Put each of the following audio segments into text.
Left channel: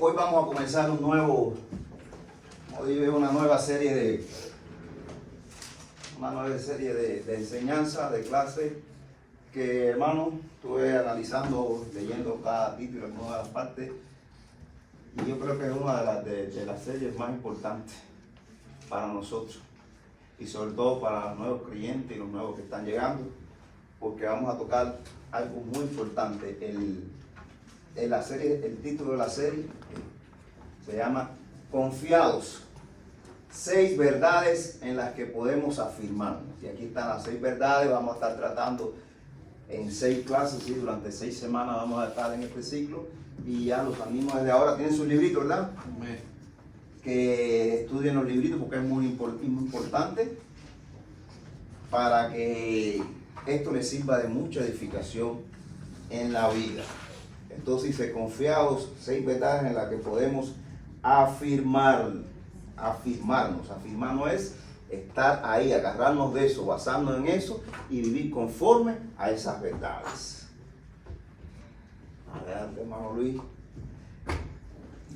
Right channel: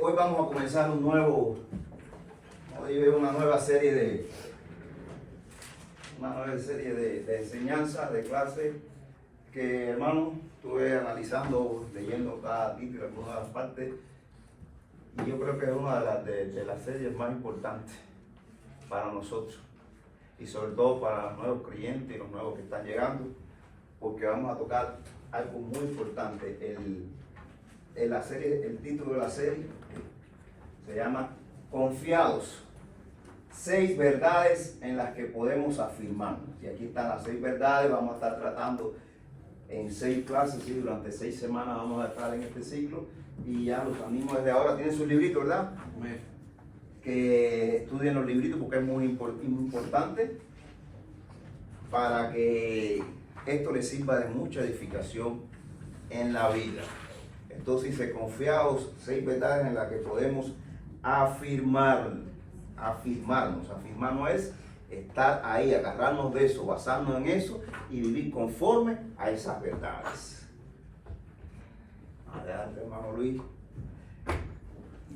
hoy vamos a comenzar una nueva serie de enseñanza, de clase, que, hermano, estuve analizando, leyendo cada título en todas partes, y yo creo que es una de las series más importantes para nosotros, y sobre todo para los nuevos creyentes y los nuevos que están llegando, porque vamos a tocar algo muy importante. El título de la serie se llama Confiados, 6 verdades en las que podemos afirmarnos. Y aquí están las 6 verdades. Vamos a estar tratando en 6 clases, ¿sí? Durante 6 semanas vamos a estar en este ciclo, y ya los animo desde ahora. Tienen sus libritos, ¿verdad? Que estudien los libritos, porque es muy importante para que esto les sirva de mucha edificación en la vida. Entonces dice: confiados, 6 verdades en las que podemos afirmarnos. Afirmarnos es estar ahí, agarrarnos de eso, basarnos en eso y vivir conforme a esas verdades. Adelante, hermano Luis.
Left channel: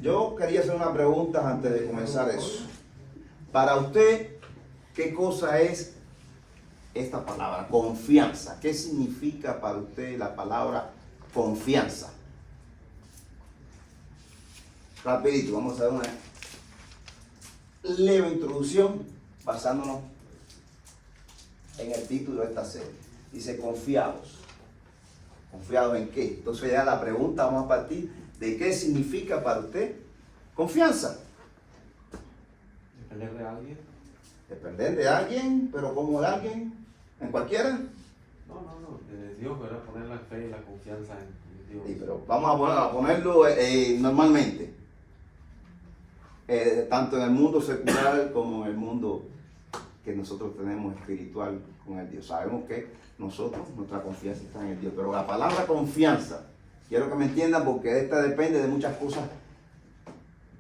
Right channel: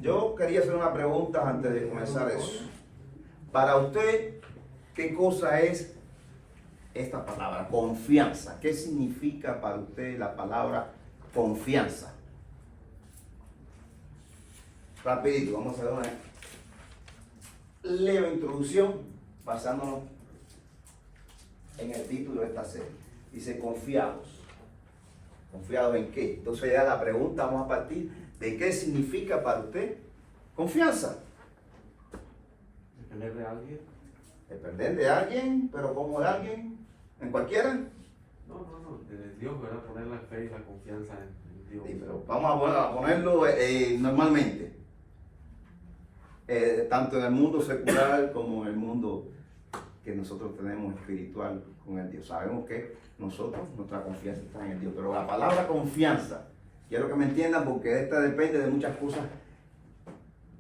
Yo quería hacer una pregunta antes de comenzar eso. Para usted, ¿qué cosa es esta palabra, confianza? ¿Qué significa para usted la palabra confianza? Rapidito, vamos a hacer una leve introducción basándonos en el título de esta serie. Dice confiados. ¿Confiados en qué? Entonces ya la pregunta, vamos a partir de qué significa para usted confianza. ¿Depender de alguien? Depender de alguien, pero ¿cómo de alguien? ¿En cualquiera? No, de Dios, ¿verdad? Poner la fe y la confianza en Dios. Sí, pero vamos a ponerlo normalmente. Tanto en el mundo secular como en el mundo que nosotros tenemos espiritual con el Dios. Sabemos que nuestra confianza está en el Dios. Pero la palabra confianza, quiero que me entiendan, porque esta depende de muchas cosas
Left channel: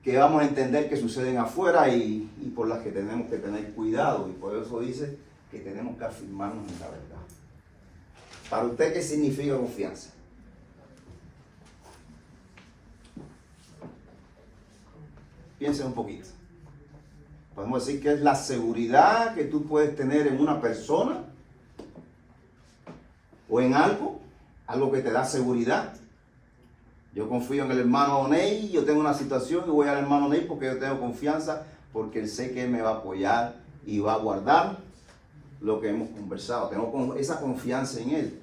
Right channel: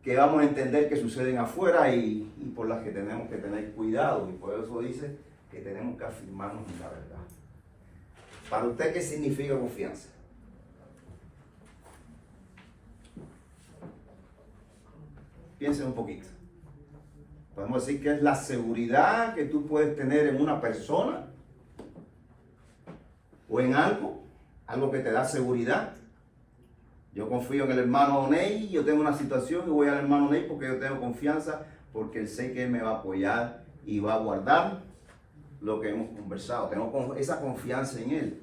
que vamos a entender que suceden afuera y por las que tenemos que tener cuidado. Y por eso dice que tenemos que afirmarnos en la verdad. Para usted, ¿qué significa confianza? Piensen un poquito. Podemos decir que es la seguridad que tú puedes tener en una persona o en algo que te da seguridad. Yo confío en el hermano Ney, yo tengo una situación y voy al hermano Ney porque yo tengo confianza, porque sé que él me va a apoyar y va a guardar lo que hemos conversado. Tengo esa confianza en él.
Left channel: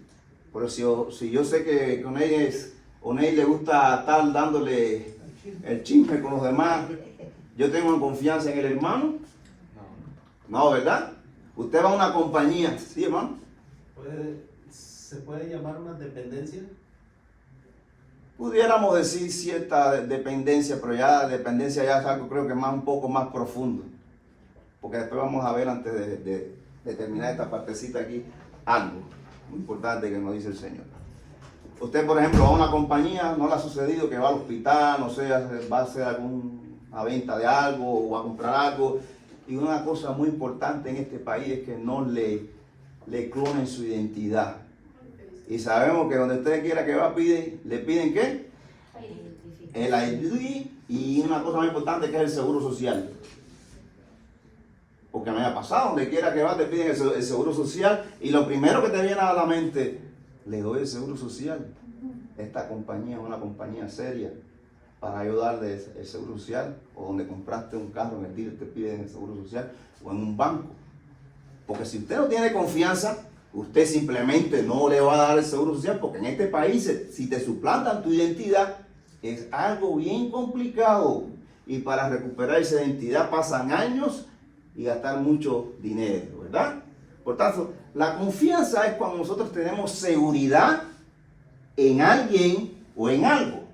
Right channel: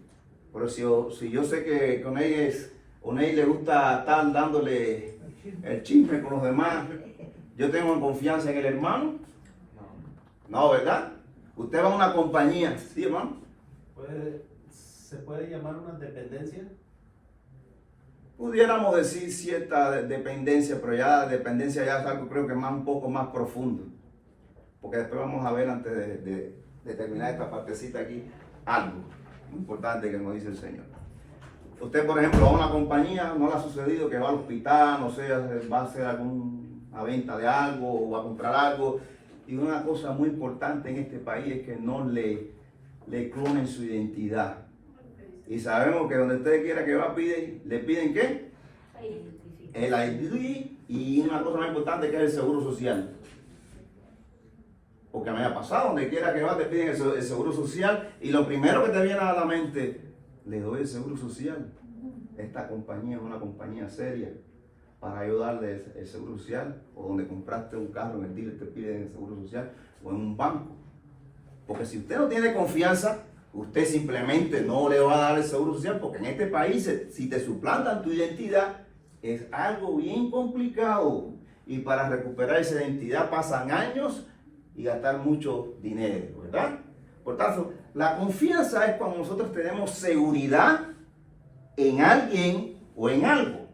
Pero si yo sé que con Ney le gusta estar dándole el chisme con los demás, ¿yo tengo confianza en el hermano? No, ¿verdad? Usted va a una compañía, ¿sí, hermano? ¿Se puede llamar una dependencia? Pudiéramos decir cierta dependencia, pero ya dependencia ya es algo, creo que un poco más profundo. Porque después vamos a ver, antes de terminar esta partecita aquí, algo muy importante que nos dice el Señor. Usted, por ejemplo, va a una compañía, no le ha sucedido que va al hospital, no sé, va a hacer alguna venta de algo o a comprar algo. Y una cosa muy importante en este país es que no le clonen su identidad. Y sabemos que donde usted quiera que va, le piden ¿qué? El ID, y una cosa muy importante que es el seguro social. Porque me ha pasado, donde quiera que va te piden el seguro social, y lo primero que te viene a la mente: le doy el seguro social. Esta compañía es una compañía seria para ayudarle el seguro social, o donde compraste un carro en el dealer te piden el seguro social, o en un banco. Porque si usted no tiene confianza, usted simplemente no le va a dar el seguro social, porque en este país, si te suplantan tu identidad, es algo bien complicado. Y para recuperar esa identidad pasan años y gastar mucho dinero, ¿verdad? Por tanto, la confianza es cuando nosotros tenemos seguridad en alguien o en algo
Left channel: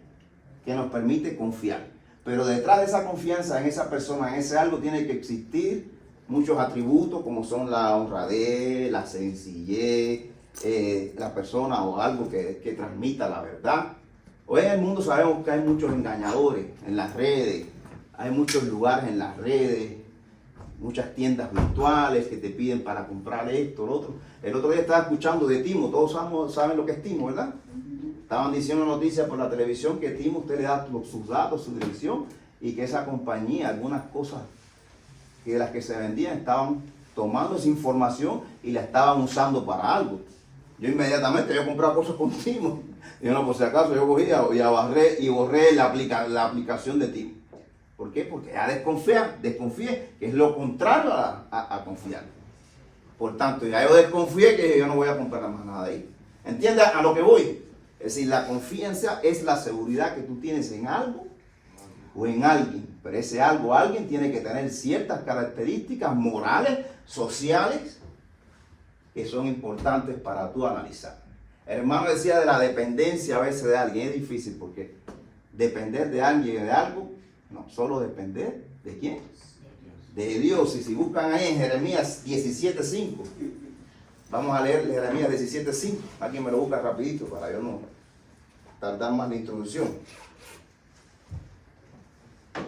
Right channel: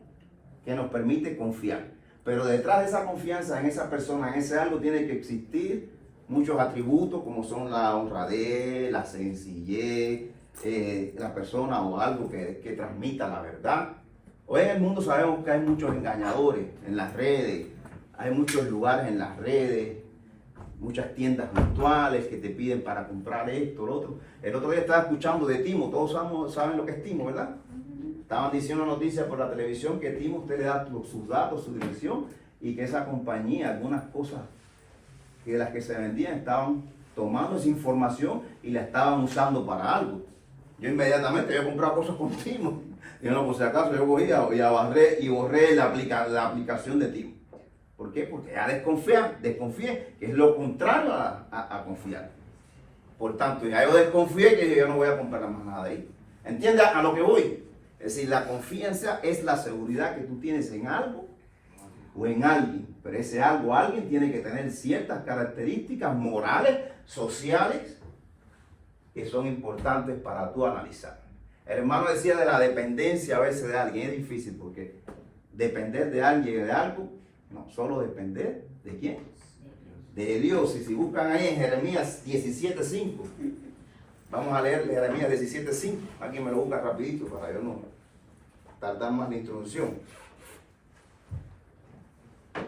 que nos permite confiar. Pero detrás de esa confianza en esa persona, en ese algo, tiene que existir muchos atributos, como son la honradez, la sencillez, la persona o algo que transmita la verdad. Hoy en el mundo sabemos que hay muchos engañadores en las redes, hay muchos lugares en las redes, muchas tiendas virtuales que te piden para comprar esto, lo otro. El otro día estaba escuchando de Timo, todos saben lo que es Timo, ¿verdad? Estaban diciendo noticias por la televisión que Tim, usted le da sus datos, su dirección, y que esa compañía, algunas cosas que las que se vendían, estaban tomando esa información y la estaban usando para algo. Yo inmediatamente, yo compraba cosas con Tim. Yo no, por si acaso, yo cogía y borré la aplicación de Tim. ¿Por qué? Porque ya desconfié, que es lo contrario a confiar. Por tanto, ya yo desconfié que yo no voy a comprar más nada de ahí. ¿Entiendes a lo que voy? Es decir, la confianza es la seguridad que tú tienes en algo o en alguien. Pero ese algo o alguien tiene que tener ciertas características morales, sociales, que son importantes para tú analizar. El hermano decía de la dependencia a veces de alguien. Es difícil porque depender de alguien o de algo, no, solo depender de quién. De Dios. Y si buscan ahí en Jeremías 17:5, vamos a leer Jeremías 17:5. Aquí me lo busca rapidito para yo no tardar más la introducción.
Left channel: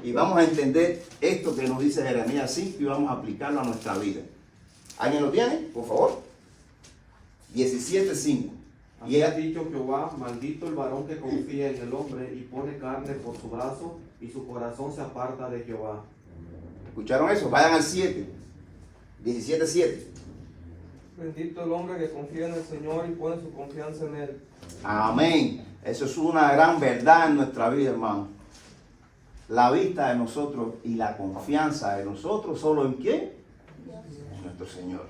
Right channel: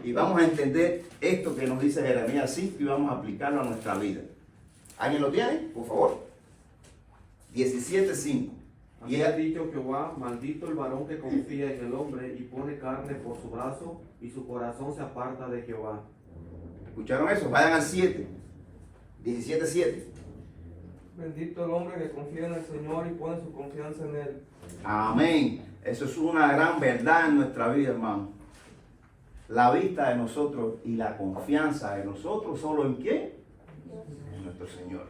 Y vamos a entender esto que nos dice Jeremías 5 y vamos a aplicarlo a nuestra vida. ¿Alguien lo tiene? Por favor. 17:5. Así ha dicho Jehová, maldito el varón que confía en el hombre y pone carne por su brazo y su corazón se aparta de Jehová. ¿Escucharon eso? Vayan al 7. 17:7. Bendito el hombre que confía en el Señor y pone su confianza en Él. Amén. Eso es una gran verdad en nuestra vida, hermano. La vista de nosotros y la confianza de nosotros, ¿solo en quién? En nuestro Señor.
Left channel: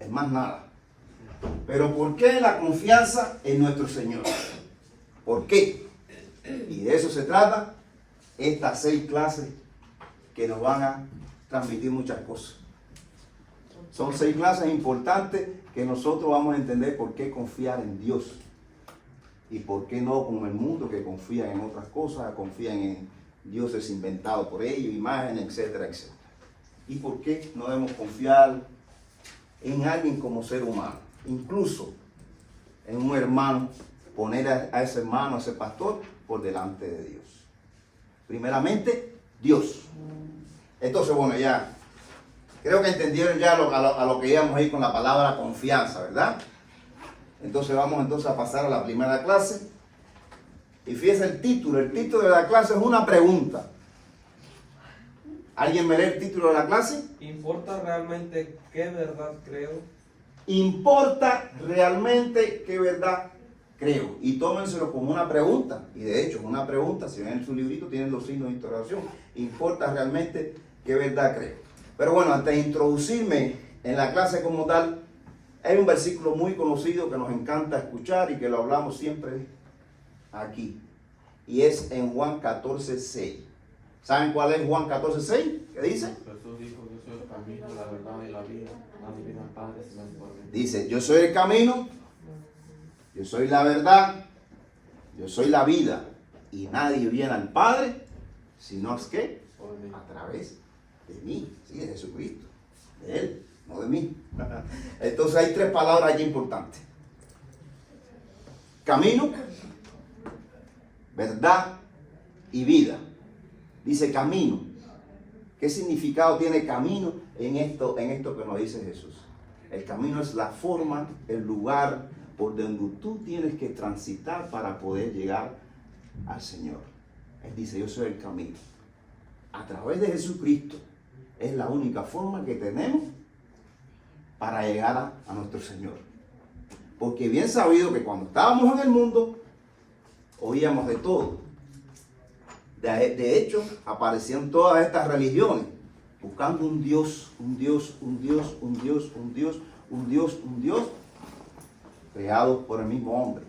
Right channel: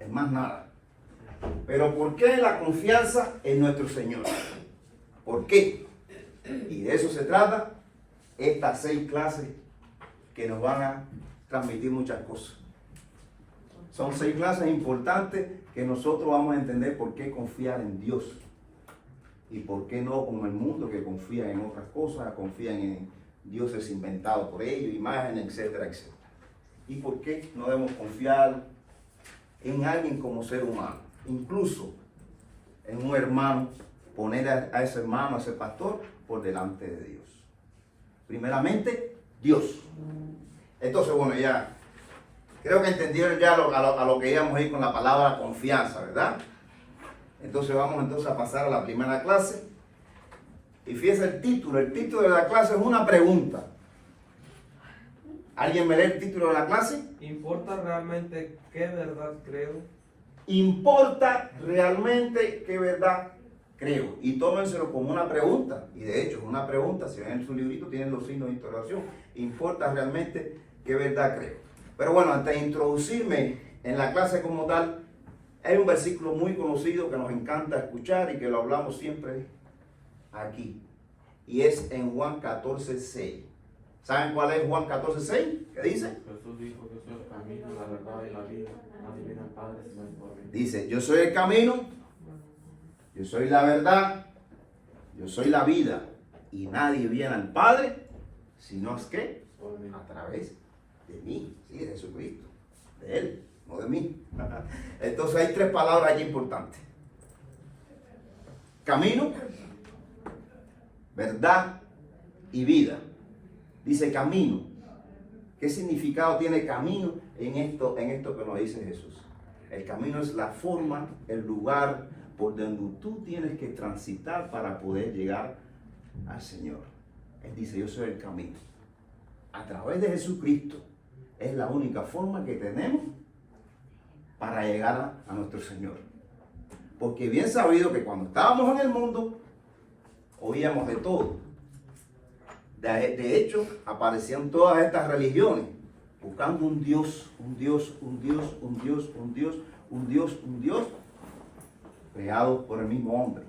Es más nada. Pero ¿por qué la confianza en nuestro Señor? ¿Por qué? Y de eso se trata estas 6 clases que nos van a transmitir muchas cosas. Son 6 clases importantes que nosotros vamos a entender por qué confiar en Dios y por qué no como el mundo que confía en otras cosas, confían en dioses inventados por ellos, imágenes, etcétera, etcétera. Y por qué no debemos confiar en alguien como ser humano, incluso en un hermano, poner a ese hermano, a ese pastor, por delante de Dios. Primeramente, Dios. Entonces, bueno, ya creo que entendieron ya a lo que íbamos a ir con la palabra confianza, ¿verdad? Entonces vamos a pasar a la primera clase. Y fíjense el título de la clase es una pregunta. ¿Alguien me lee el título de la clase? ¿Importa realmente qué verdad creo? ¿Importa realmente qué verdad creo? Y tómenselo como una pregunta. Y de hecho es una pregunta. Si ven en su librito tienen los signos de interrogación. ¿Importa realmente qué verdad creo? Pero bueno, antes de introducirme en la clase como tal, hay un versículo muy conocido que nos encanta escuchar y que lo hablamos siempre aquí. Y es en Juan 14:6. ¿Saben cuál es Juan 14:6? ¿Qué dice? Jesús dijo que soy el camino, la verdad y la vida. Nadie viene al Padre sino por mí. Dice, yo soy el camino, yo soy la verdad, yo soy la vida. Y nadie viene al Padre, sino es que Por mí. a través de mí, sí, de Jesucristo, de Él, no de mí. Entonces hay 3 palabras aquí importantes. Camino, verdad y vida. Dice camino. ¿Qué significado tiene camino en esto que nos dice Jesús? El camino es la forma, el lugar por donde tú tienes que transitar para poder llegar al Señor. Él dice, yo soy el camino. A través de Jesucristo es la única forma que tenemos para llegar a nuestro Señor. Porque bien sabido que cuando estábamos en el mundo, oíamos de todo. De hecho, aparecían todas estas religiones buscando un Dios, creado por el mismo hombre.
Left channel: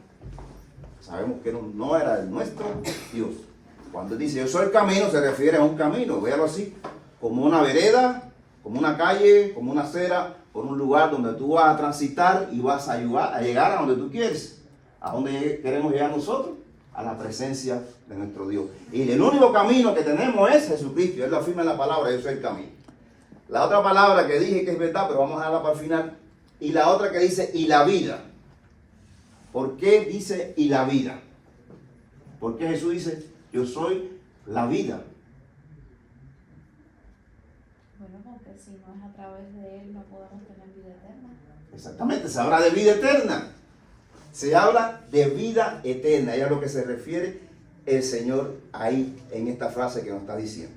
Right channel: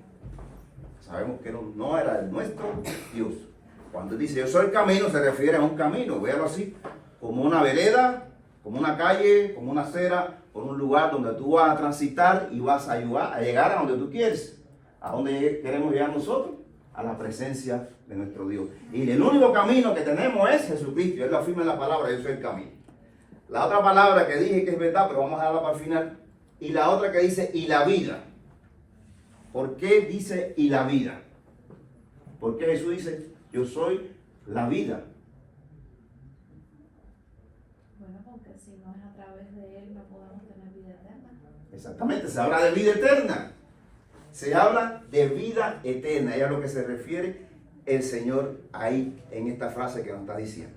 Sabemos que no era el nuestro Dios. Cuando dice yo soy el camino, se refiere a un camino, véalo así, como una vereda, como una calle, como una acera, por un lugar donde tú vas a transitar y vas a ayudar a llegar a donde tú quieres. ¿A dónde queremos llegar nosotros? A la presencia de nuestro Dios. Y el único camino que tenemos es Jesucristo. Él lo afirma en la palabra, yo soy el camino. La otra palabra que dije que es verdad, pero vamos a dejarla para el final. Y la otra que dice, y la vida. ¿Por qué dice y la vida? Porque Jesús dice, yo soy la vida. Bueno, porque si no es a través de Él no podemos tener vida eterna. Exactamente, se habla de vida eterna. Se habla de vida eterna, y es a lo que se refiere el Señor ahí en esta frase que nos está diciendo.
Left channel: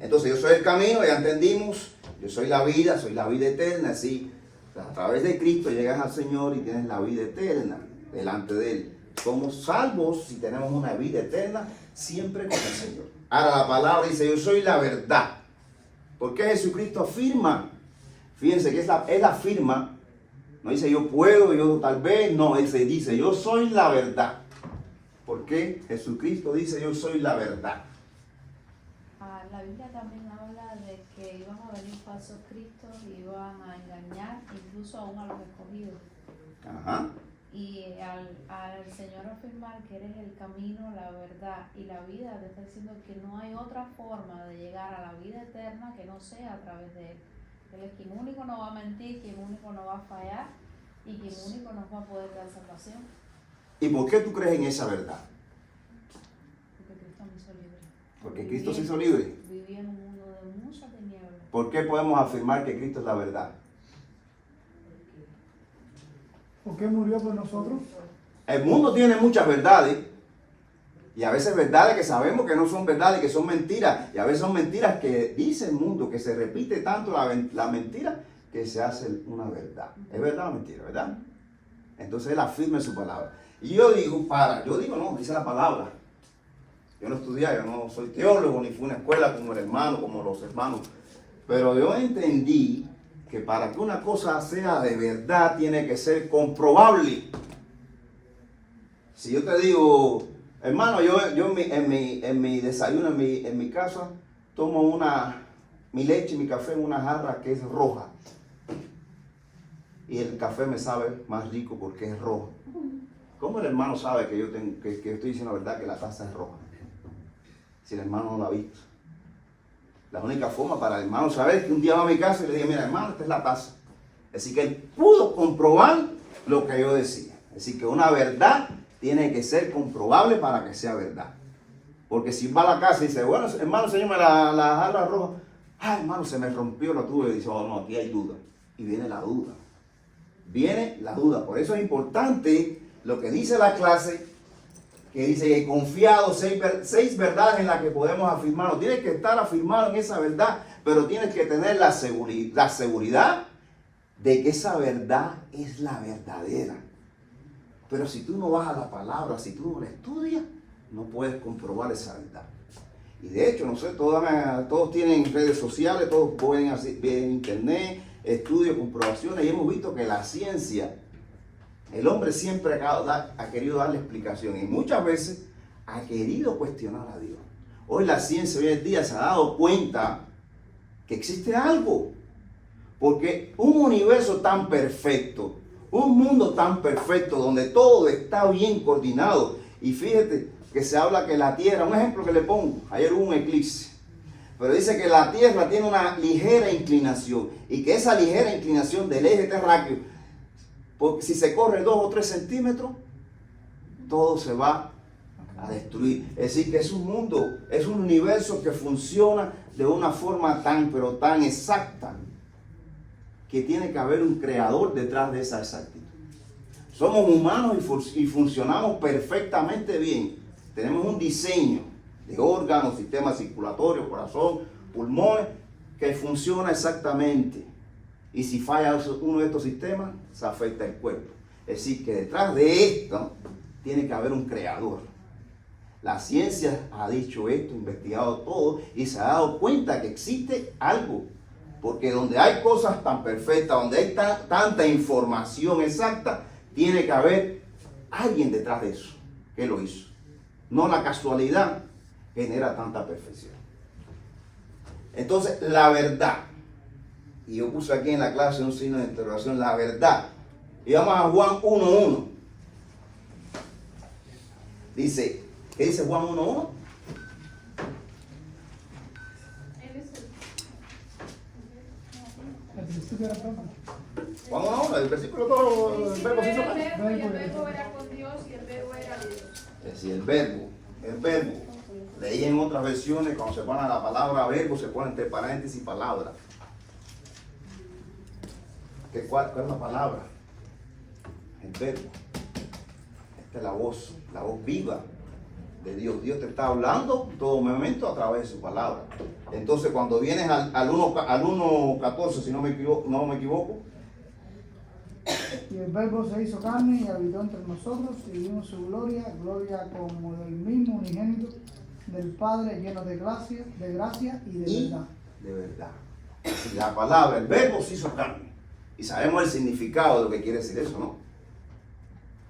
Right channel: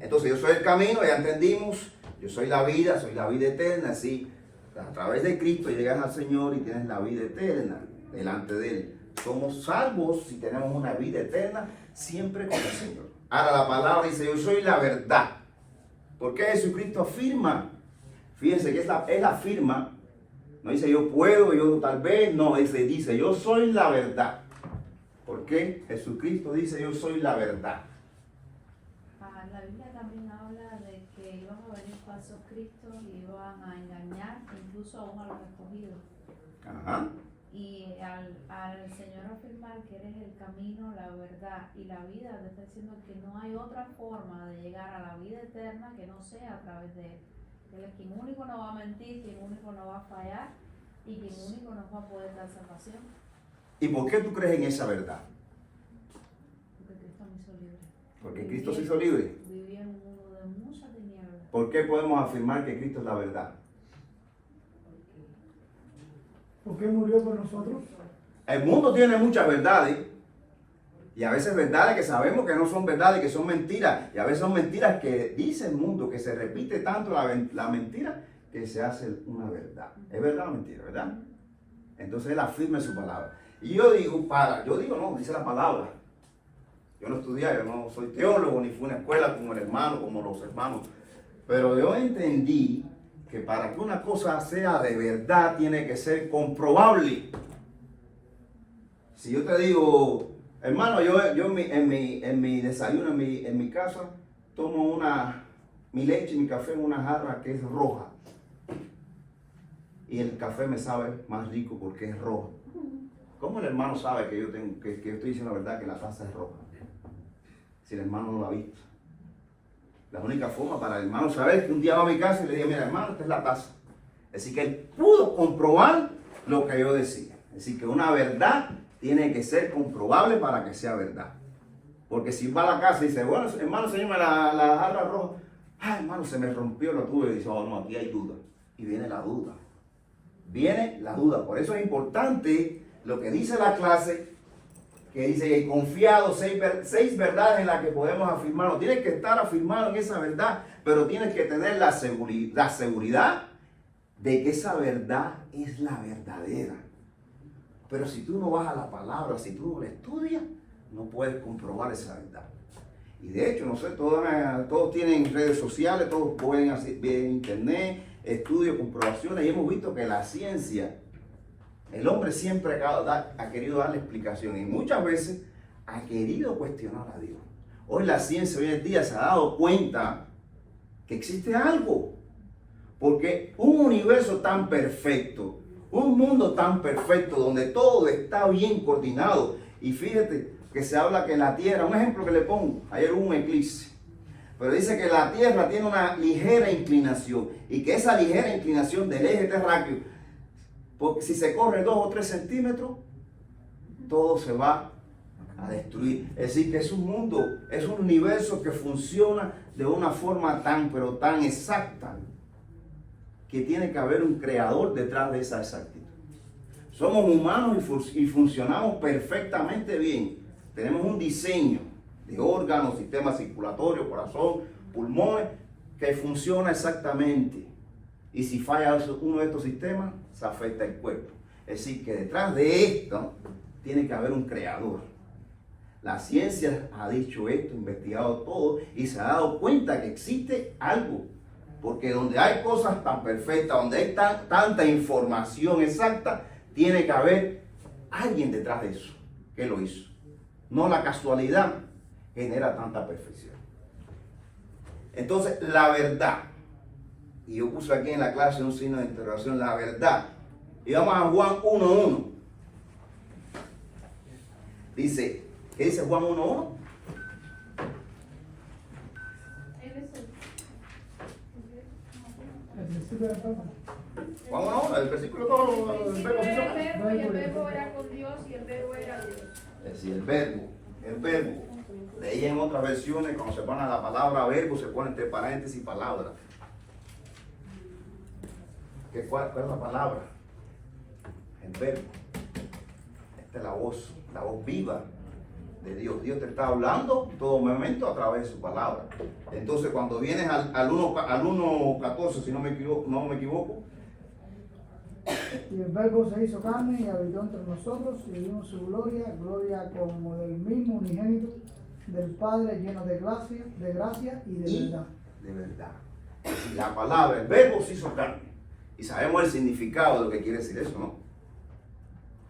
Entonces yo soy el camino, ya entendimos, yo soy la vida eterna, así a través de Cristo llegas al Señor y tienes la vida eterna delante de Él. Somos salvos si tenemos una vida eterna siempre con el Señor. Ahora la palabra dice, yo soy la verdad. ¿Por qué Jesucristo afirma? Fíjense que él afirma, no dice yo puedo, yo tal vez, no, él se dice yo soy la verdad. ¿Por qué Jesucristo dice yo soy la verdad? La Biblia también habla de que iban a venir falsos cristos y iban a engañar incluso aún a los escogidos. Ajá. Y al Señor afirmar que eres el camino, la verdad y la vida, te está diciendo que no hay otra forma de llegar a la vida eterna que no sea a través de Él. Él es quien único no va a mentir, quien único no va a fallar y quien único nos va a poder dar salvación. ¿Y por qué tú crees en esa verdad? Porque Cristo me hizo libre. Porque Cristo se hizo libre. Vivía en un mundo de muchas tinieblas. ¿Por qué podemos afirmar que Cristo es la verdad? ¿Por qué murió por nosotros? El mundo tiene muchas verdades. Y a veces verdades que sabemos que no son verdades, que son mentiras. Y a veces son mentiras que dice el mundo, que se repite tanto la mentira que se hace una verdad. Es verdad o mentira, ¿verdad? Entonces él afirma en su palabra. Y yo digo, no, dice la palabra. Yo no estudié, yo no soy teólogo, ni fui a una escuela como el hermano, como los hermanos. Pero yo entendí que para que una cosa sea de verdad tiene que ser comprobable. Si yo te digo, hermano, yo en mi desayuno, en mi casa, tomo mi leche y mi café en una jarra que es roja. Y el café me sabe más rico porque es rojo. ¿Cómo el hermano sabe que yo estoy diciendo la verdad, que la taza es roja? Si el hermano no la ha visto. La única forma para el hermano saber es que un día va a mi casa y le diga, mira hermano, esta es la taza. Así que él pudo comprobar lo que yo decía. Así que una verdad tiene que ser comprobable para que sea verdad. Porque si va a la casa y dice, bueno, hermano, enséñame la jarra roja. Ah, hermano, se me rompió la tuya. Y dice, oh, no, aquí hay duda. Y viene la duda. Viene la duda. Por eso es importante lo que dice la clase, que dice, he confiado 6 verdades en las que podemos afirmar. No tienes que estar afirmado en esa verdad, pero tienes que tener la seguridad de que esa verdad es la verdadera. Pero si tú no vas a la palabra, si tú no la estudias, no puedes comprobar esa verdad. Y de hecho, no sé, todos tienen redes sociales, todos pueden ver en internet, estudios, comprobaciones, y hemos visto que la ciencia, el hombre siempre ha querido darle explicación y muchas veces ha querido cuestionar a Dios. Hoy la ciencia, hoy en día, se ha dado cuenta que existe algo. Porque un universo tan perfecto, un mundo tan perfecto, donde todo está bien coordinado. Y fíjate que se habla que la Tierra, un ejemplo que le pongo, ayer hubo un eclipse. Pero dice que la Tierra tiene una ligera inclinación y que esa ligera inclinación del eje terráqueo, porque si se corre 2 o 3 centímetros, todo se va a destruir. Es decir, que es un mundo, es un universo que funciona de una forma pero tan exacta, que tiene que haber un creador detrás de esa exactitud. Somos humanos y funcionamos perfectamente bien. Tenemos un diseño de órganos, sistema circulatorio, corazón, pulmones, que funciona exactamente. Y si falla uno de estos sistemas, se afecta el cuerpo. Es decir, que detrás de esto tiene que haber un creador. La ciencia ha dicho esto, investigado todo y se ha dado cuenta que existe algo. Porque donde hay cosas tan perfectas, donde hay tanta información exacta, tiene que haber alguien detrás de eso que lo hizo. No la casualidad genera tanta perfección. Entonces, la verdad. Y yo puse aquí en la clase un signo de interrogación, la verdad. Y vamos a Juan 1:1. Dice, ¿qué dice Juan 1:1? Al principio era todo. Juan 1:1, el versículo todo, el verbo Era sí el verbo y el verbo era con Dios y el verbo era Dios. Es decir, el verbo. Leí en otras versiones, cuando se pone la palabra verbo, se pone entre paréntesis palabra. ¿Cuál es la palabra? El verbo. Esta es la voz viva de Dios. Dios te está hablando todo momento a través de su palabra. Entonces, cuando vienes al 1:14, si no me equivoco, Y el verbo se hizo carne y habitó entre nosotros y vimos su gloria, gloria como del mismo unigénito del Padre, lleno de gracia y de verdad. de verdad. La palabra, el verbo se hizo carne. Y sabemos el significado de lo que quiere decir eso, ¿no?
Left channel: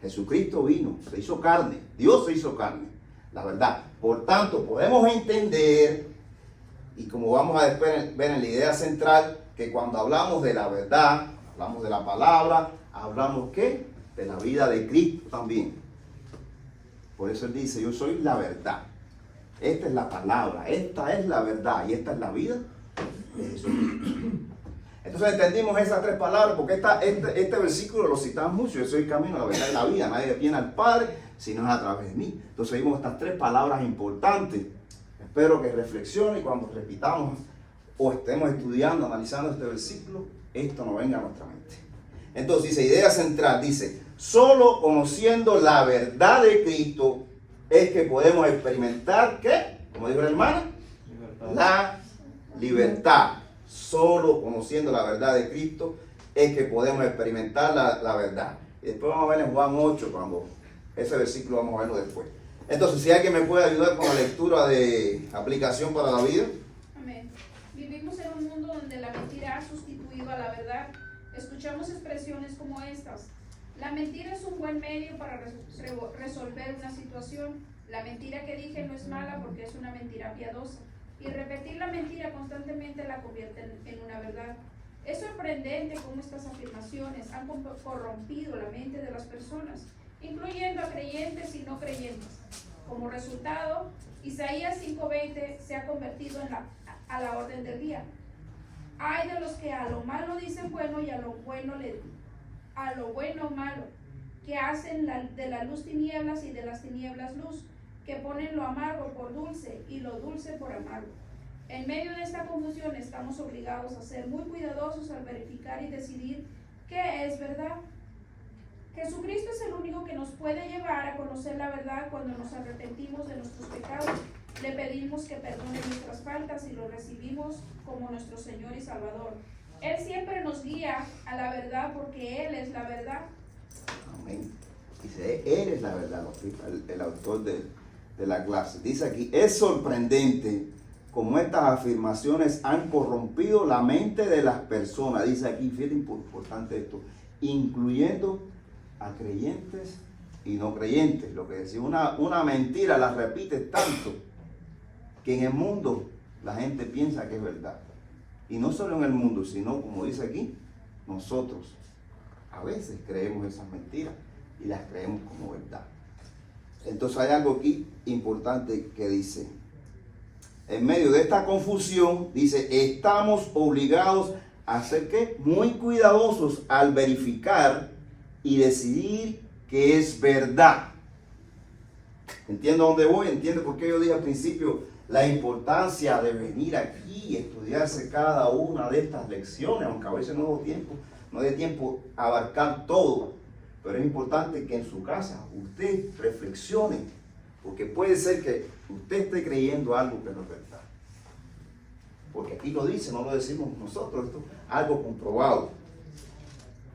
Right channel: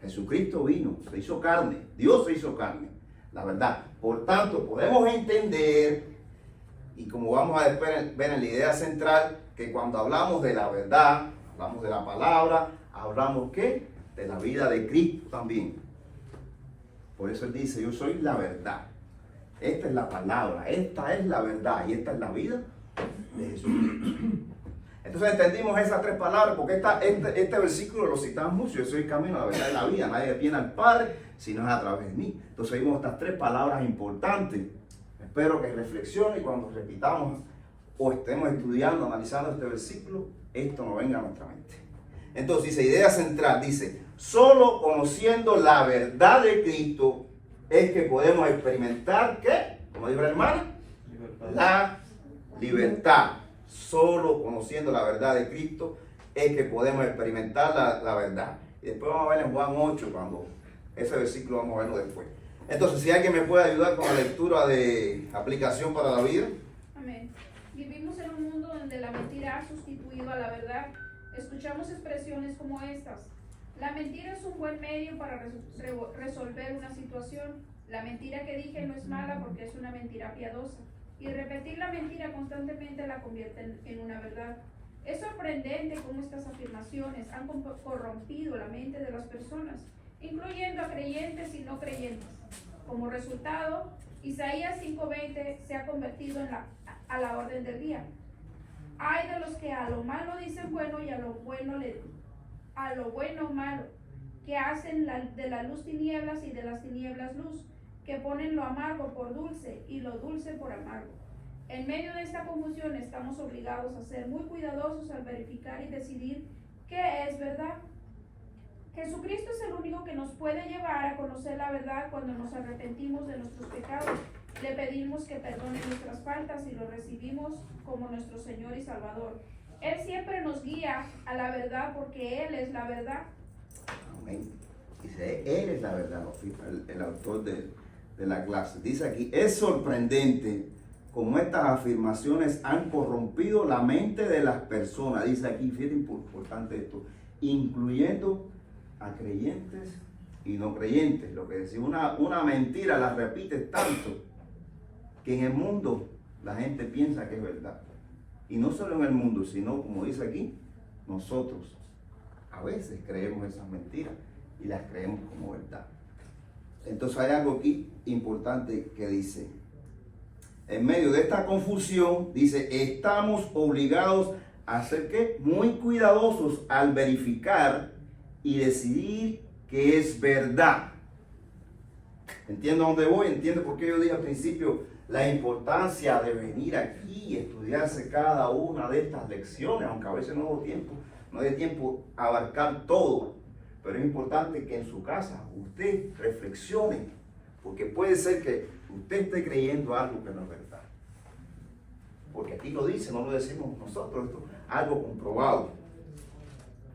Jesucristo vino, se hizo carne. Dios se hizo carne. La verdad. Por tanto, podemos entender, y como vamos a ver en la idea central, que cuando hablamos de la verdad, hablamos de la palabra, hablamos ¿qué? De la vida de Cristo también. Por eso él dice, yo soy la verdad. Esta es la palabra, esta es la verdad y esta es la vida de Jesucristo. Entonces entendimos esas tres palabras porque este versículo lo citamos mucho. Yo soy el camino, la verdad y la vida. Nadie viene al Padre si no es a través de mí. Entonces vimos estas tres palabras importantes. Espero que reflexione y cuando repitamos o estemos estudiando, analizando este versículo, esto no venga a nuestra mente. Entonces dice, idea central, dice, solo conociendo la verdad de Cristo es que podemos experimentar, ¿qué? Como dijo la hermana, la libertad. Solo conociendo la verdad de Cristo es que podemos experimentar la verdad. Y después vamos a ver en Juan 8, cuando ese versículo vamos a verlo después. Entonces, si alguien me puede ayudar con la lectura de aplicación para la vida. Amén. Vivimos en un mundo donde la mentira ha sustituido a la verdad. Escuchamos expresiones como estas. La mentira es un buen medio para resolver una situación. La mentira que dije no es mala porque es una mentira piadosa. Y repetir la mentira constantemente la convierte en una verdad. Es sorprendente cómo estas afirmaciones han corrompido la mente de las personas, incluyendo a creyentes y no creyentes. Como resultado, Isaías 5:20 se ha convertido a la orden del día. Hay de los que a lo malo dicen bueno y a lo bueno malo, que hacen de la luz tinieblas y de las tinieblas luz, que ponen lo amargo por dulce y lo dulce por amargo. En medio de esta confusión estamos obligados a ser muy cuidadosos al verificar y decidir qué es verdad. Jesucristo es el único que nos puede llevar a conocer la verdad cuando nos arrepentimos de nuestros pecados. Le pedimos que perdone nuestras faltas y lo recibimos como nuestro Señor y Salvador. Él siempre nos guía a la verdad porque Él es la verdad. Amén. Dice, Él es la verdad, el autor de la clase. Dice aquí, es sorprendente cómo estas afirmaciones han corrompido la mente de las personas. Dice aquí, fíjate importante esto, incluyendo a creyentes y no creyentes. Lo que decía, una mentira la repites tanto que en el mundo la gente piensa que es verdad. Y no solo en el mundo, sino como dice aquí, nosotros a veces creemos esas mentiras y las creemos como verdad. Entonces hay algo aquí importante que dice, en medio de esta confusión, dice, estamos obligados a ser ¿qué? Muy cuidadosos al verificar y decidir que es verdad. Entiendo a dónde voy, entiendo por qué yo dije al principio la importancia de venir aquí y estudiarse cada una de estas lecciones, aunque a veces no dé tiempo a abarcar todo, pero es importante que en su casa usted reflexione, porque puede ser que usted esté creyendo algo que no es verdad. Porque aquí lo dice, no lo decimos nosotros, esto es algo comprobado,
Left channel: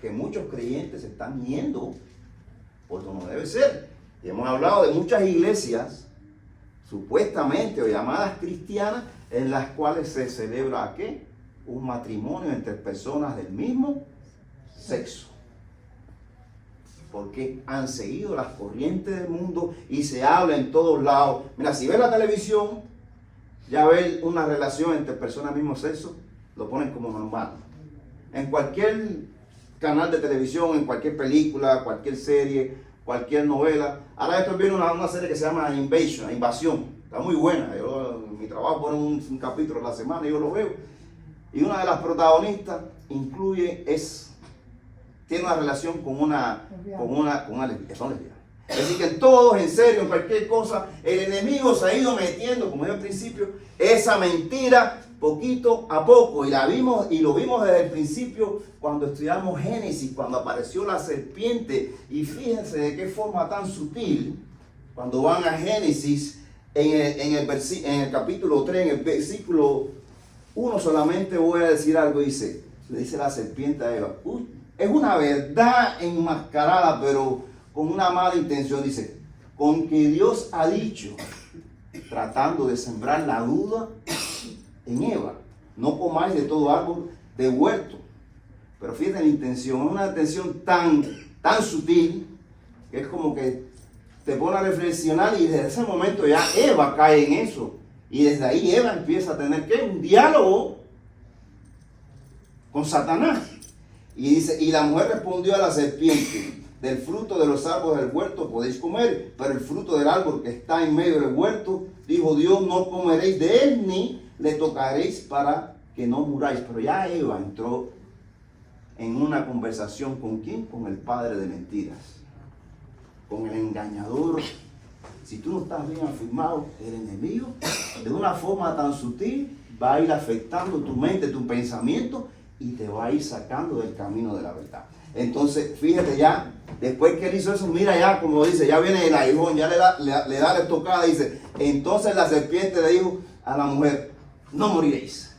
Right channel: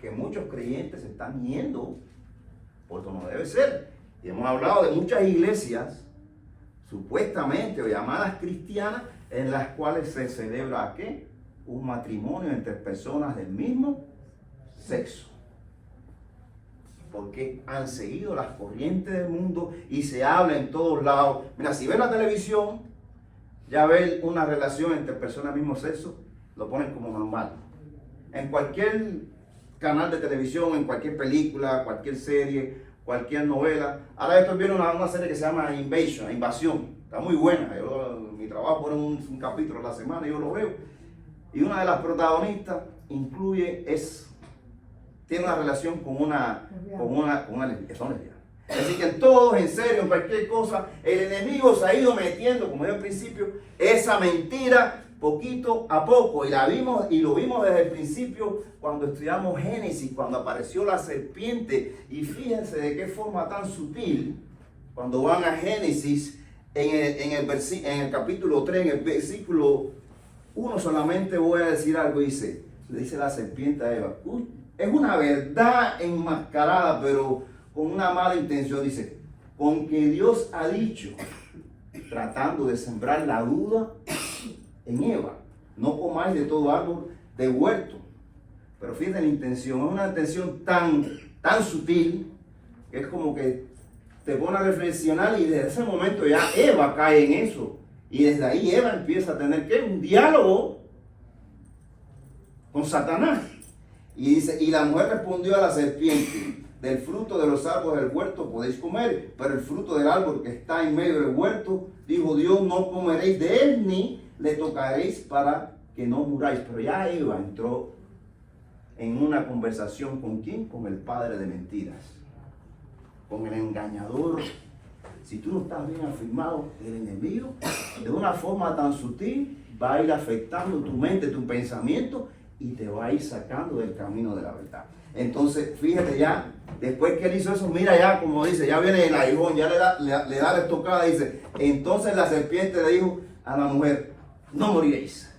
que muchos creyentes están yendo por donde no debe ser. Y hemos hablado de muchas iglesias supuestamente o llamadas cristianas en las cuales se celebra ¿qué? Un matrimonio entre personas del mismo sexo. Porque han seguido las corrientes del mundo y se habla en todos lados. Mira, si ves la televisión, ya ves una relación entre personas del mismo sexo, lo ponen como normal. En cualquier canal de televisión, en cualquier película, cualquier serie, cualquier novela. Ahora estoy viendo una serie que se llama Invasión. Está muy buena. Mi trabajo pone un capítulo a la semana y yo lo veo. Y una de las protagonistas tiene una relación con una lesbiana. Son lesbianas. Es decir, que en todos, en serio, en cualquier cosa, el enemigo se ha ido metiendo, como dije al principio, esa mentira poquito a poco, y lo vimos desde el principio cuando estudiamos Génesis, cuando apareció la serpiente. Y fíjense de qué forma tan sutil, cuando van a Génesis, en el capítulo 3, en el versículo 1, solamente voy a decir algo. Le dice la serpiente a Eva, es una verdad enmascarada, pero con una mala intención. Dice, con que Dios ha dicho, tratando de sembrar la duda en Eva, no comáis de todo árbol de huerto. Pero fíjate la intención, es una intención tan sutil, que es como que te pone a reflexionar, y desde ese momento ya Eva cae en eso. Y desde ahí Eva empieza a tener un diálogo con Satanás. Y dice, y la mujer respondió a la serpiente, del fruto de los árboles del huerto podéis comer, pero el fruto del árbol que está en medio del huerto, dijo Dios, no comeréis de él, ni le tocaréis para que no muráis. Pero ya Eva entró en una conversación ¿con quién? Con el padre de mentiras, con el engañador. Si tú no estás bien afirmado, el enemigo, de una forma tan sutil, va a ir afectando tu mente, tu pensamiento, y te va a ir sacando del camino de la verdad. Entonces, fíjate ya, después que él hizo eso, mira ya, como dice, ya viene el aguijón, ya le da la estocada, dice, entonces la serpiente le dijo a la mujer, no moriréis.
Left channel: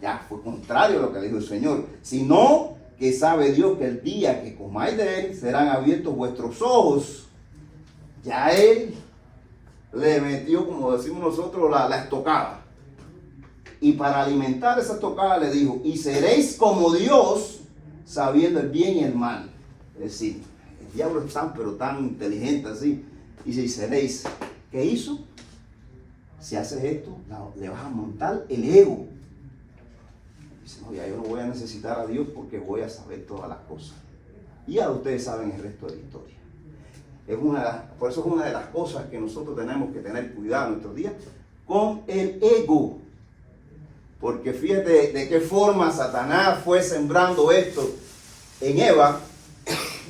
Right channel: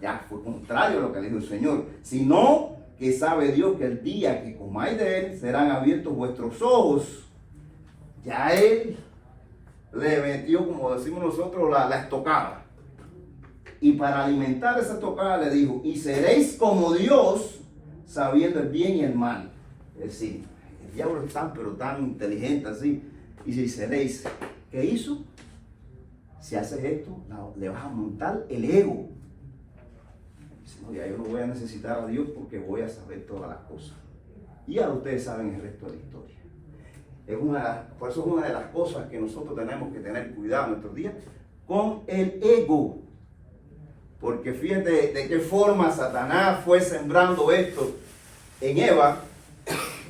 Ya fue contrario a lo que dijo el Señor, sino que sabe Dios que el día que comáis de él, serán abiertos vuestros ojos. Ya él le metió, como decimos nosotros, la estocada. Y para alimentar esa estocada le dijo, y seréis como Dios, sabiendo el bien y el mal. Es decir, el diablo es tan inteligente así. Y si seréis, ¿qué hizo? Si haces esto, le vas a montar el ego. Dice, no, ya yo no voy a necesitar a Dios porque voy a saber todas las cosas. Y ahora ustedes saben el resto de la historia. Por eso es una de las cosas que nosotros tenemos que tener cuidado en nuestros días con el ego. Porque fíjate de qué forma Satanás fue sembrando esto en Eva,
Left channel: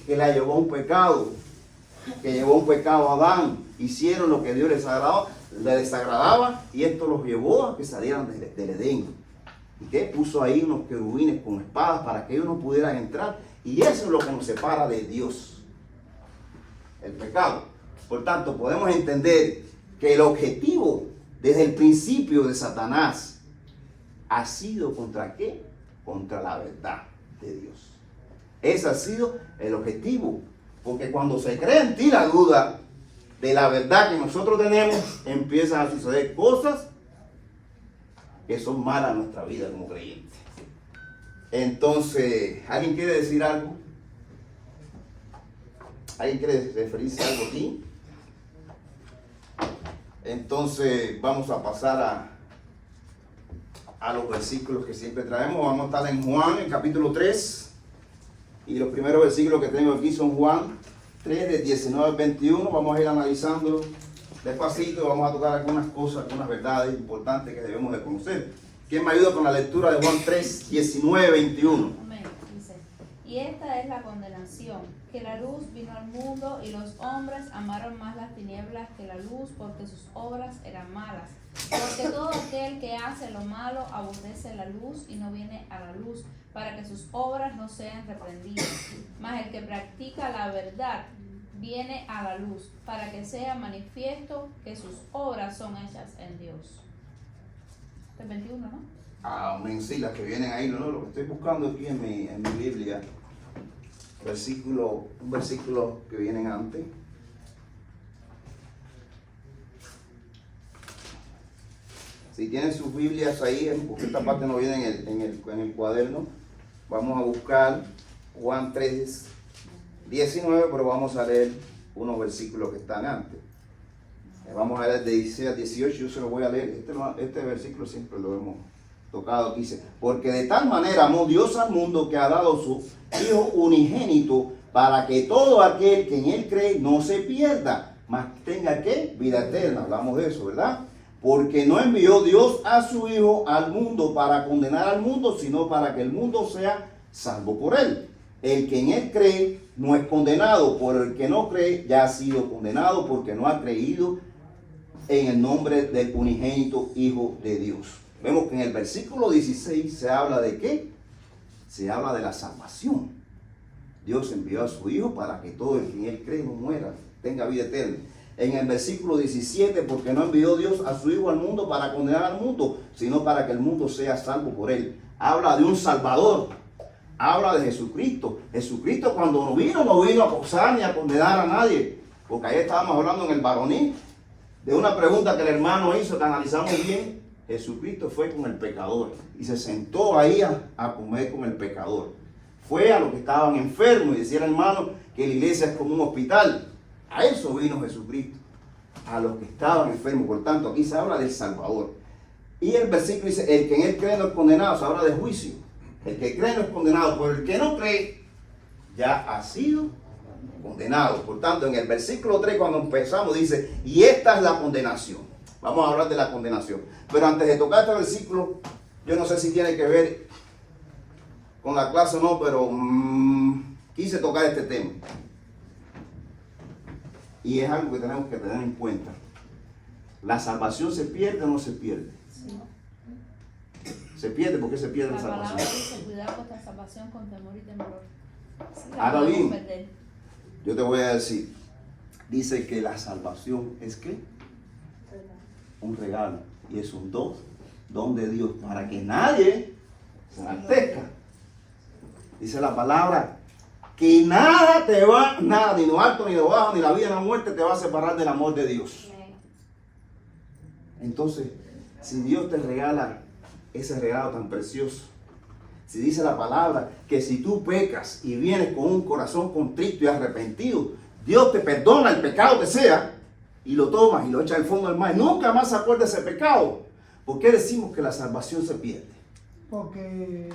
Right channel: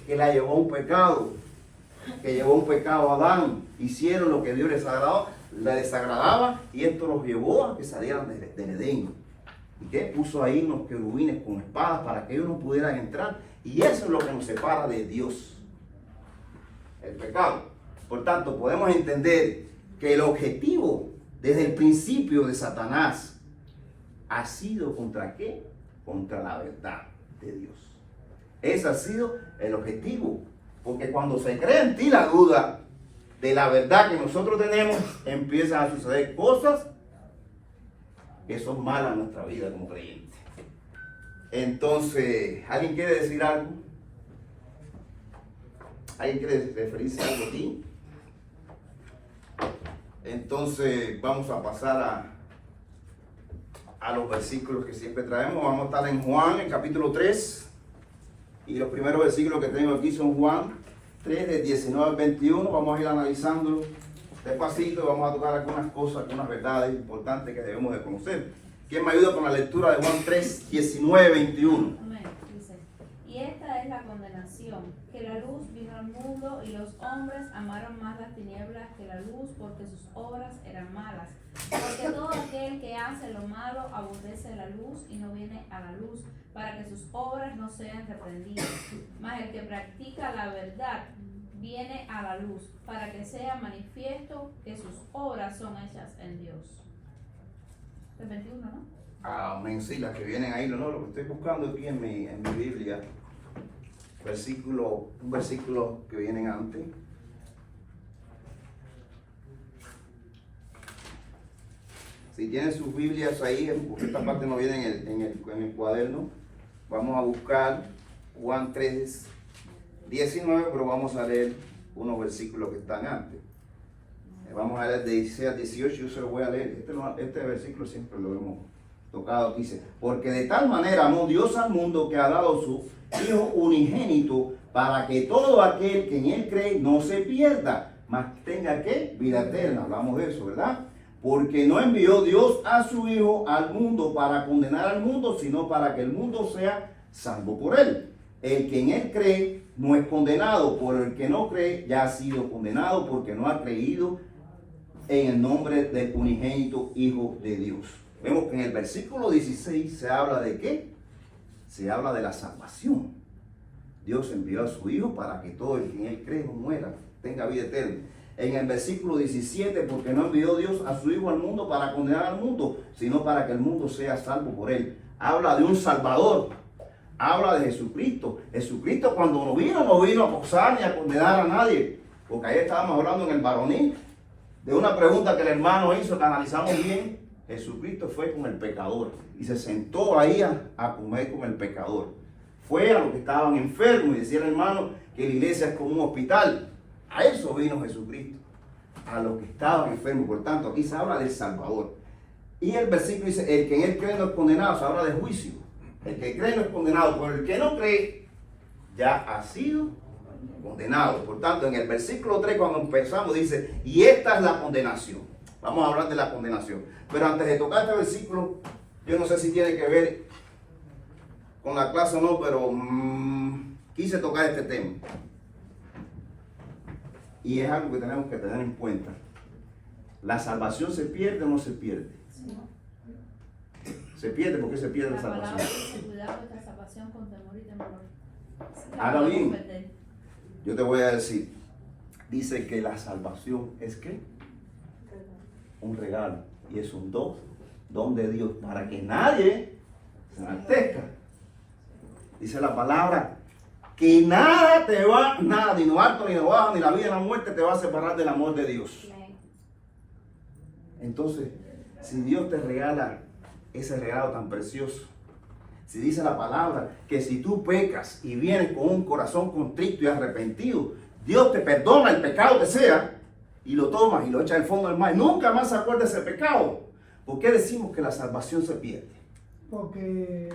que la llevó a un pecado, que llevó un pecado a Adán. Hicieron lo que Dios les desagradaba, y esto los llevó a que salieran del Edén. ¿Y qué? Puso ahí unos querubines con espadas para que ellos no pudieran entrar. Y eso es lo que nos separa de Dios, el pecado. Por tanto, podemos entender que el objetivo desde el principio de Satanás ha sido ¿contra qué? Contra la verdad de Dios. Ese ha sido el objetivo. Porque cuando se crea en ti la duda de la verdad que nosotros tenemos, empiezan a suceder cosas que son malas en nuestra vida como creyentes. Entonces, ¿alguien quiere decir algo? ¿Alguien quiere referirse a algo aquí? Entonces, vamos a pasar a los versículos que siempre traemos. Vamos a estar en Juan, en capítulo 3. Y los primeros versículos que tengo aquí son Juan 3, de 19 al 21. Vamos a ir analizando despacito y vamos a tocar algunas cosas, algunas verdades importantes que debemos de conocer. ¿Quién me ayuda con la lectura de Juan 3, 19, 21? Amén. Dice, y esta es la condenación, que la luz vino al mundo y los hombres amaron más las tinieblas que la luz, porque sus obras eran malas. Porque todo aquel que hace lo malo aborrece la luz y no viene a la luz, para que sus obras no sean reprendidas. Mas el que practica la verdad viene a la luz, para que sea manifiesto que sus obras son hechas en Dios. El 21, ¿no? Amén, sí, las que vienen ahí, no, lo que estoy buscando aquí en mi Biblia, un versículo que vienen antes. Si tienen sus Biblias ahí, porque esta parte no viene en el cuaderno, vamos a buscar Juan 3, 19, pero vamos a leer unos versículos que están antes. Vamos a leer de 16 a 18, yo se lo voy a leer. Este versículo siempre lo hemos tocado aquí. Dice, porque de tal manera amó Dios al mundo que ha dado su Hijo unigénito, para que todo aquel que en él cree no se pierda, mas tenga ¿qué? Vida eterna. Hablamos de eso, ¿verdad? Porque no envió Dios a su Hijo al mundo para condenar al mundo, sino para que el mundo sea salvo por él. El que en él cree no es condenado, pero el que no cree ya ha sido condenado porque no ha creído en el nombre del unigénito Hijo de Dios. Vemos que en el versículo 16 se habla de ¿qué? Se habla de la salvación. Dios envió a su Hijo para que todo el que en Él cree no muera, tenga vida eterna. En el versículo 17, porque no envió Dios a su Hijo al mundo para condenar al mundo, sino para que el mundo sea salvo por Él. Habla de un Salvador. Habla de Jesucristo. Jesucristo cuando no vino a acusar ni a condenar a nadie. Porque ahí estábamos hablando en el varonil de una pregunta que el hermano hizo, que analizamos bien. Jesucristo fue con el pecador y se sentó ahí a comer con el pecador. Fue a los que estaban enfermos y decía el hermano que la iglesia es como un hospital. A eso vino Jesucristo, a los que estaban enfermos. Por tanto, aquí se habla del Salvador. Y el versículo dice, el que en Él cree no es condenado, se habla de juicio. El que cree no es condenado, pero el que no cree ya ha sido condenado. Por tanto, en el versículo 3 cuando empezamos dice, y esta es la condenación. Vamos a hablar de la condenación. Pero antes de tocar este versículo, yo no sé si tiene que ver con la clase o no, pero quise tocar este tema. Y es algo que tenemos que tener en cuenta. ¿La salvación se pierde o no se pierde? Sí. Se pierde porque se pierde la La palabra salvación. dice cuidar vuestra salvación con temor y temblor. Sí, la Ahora podemos bien, perder. yo te voy a decir, dice que la salvación es ¿qué? Un regalo. Y es un don de Dios, para que nadie se enaltezca. Dice la palabra, que nada, ni lo alto, ni lo bajo, ni la vida, ni la muerte te va a separar del amor de Dios. Entonces, si Dios te regala ese regalo tan precioso, si dice la palabra que si tú pecas y vienes con un corazón contrito y arrepentido, Dios te perdona el pecado que sea y lo tomas y lo echas al fondo del mar. Nunca más se acuerda de ese pecado. ¿Por qué decimos que la salvación se pierde? Porque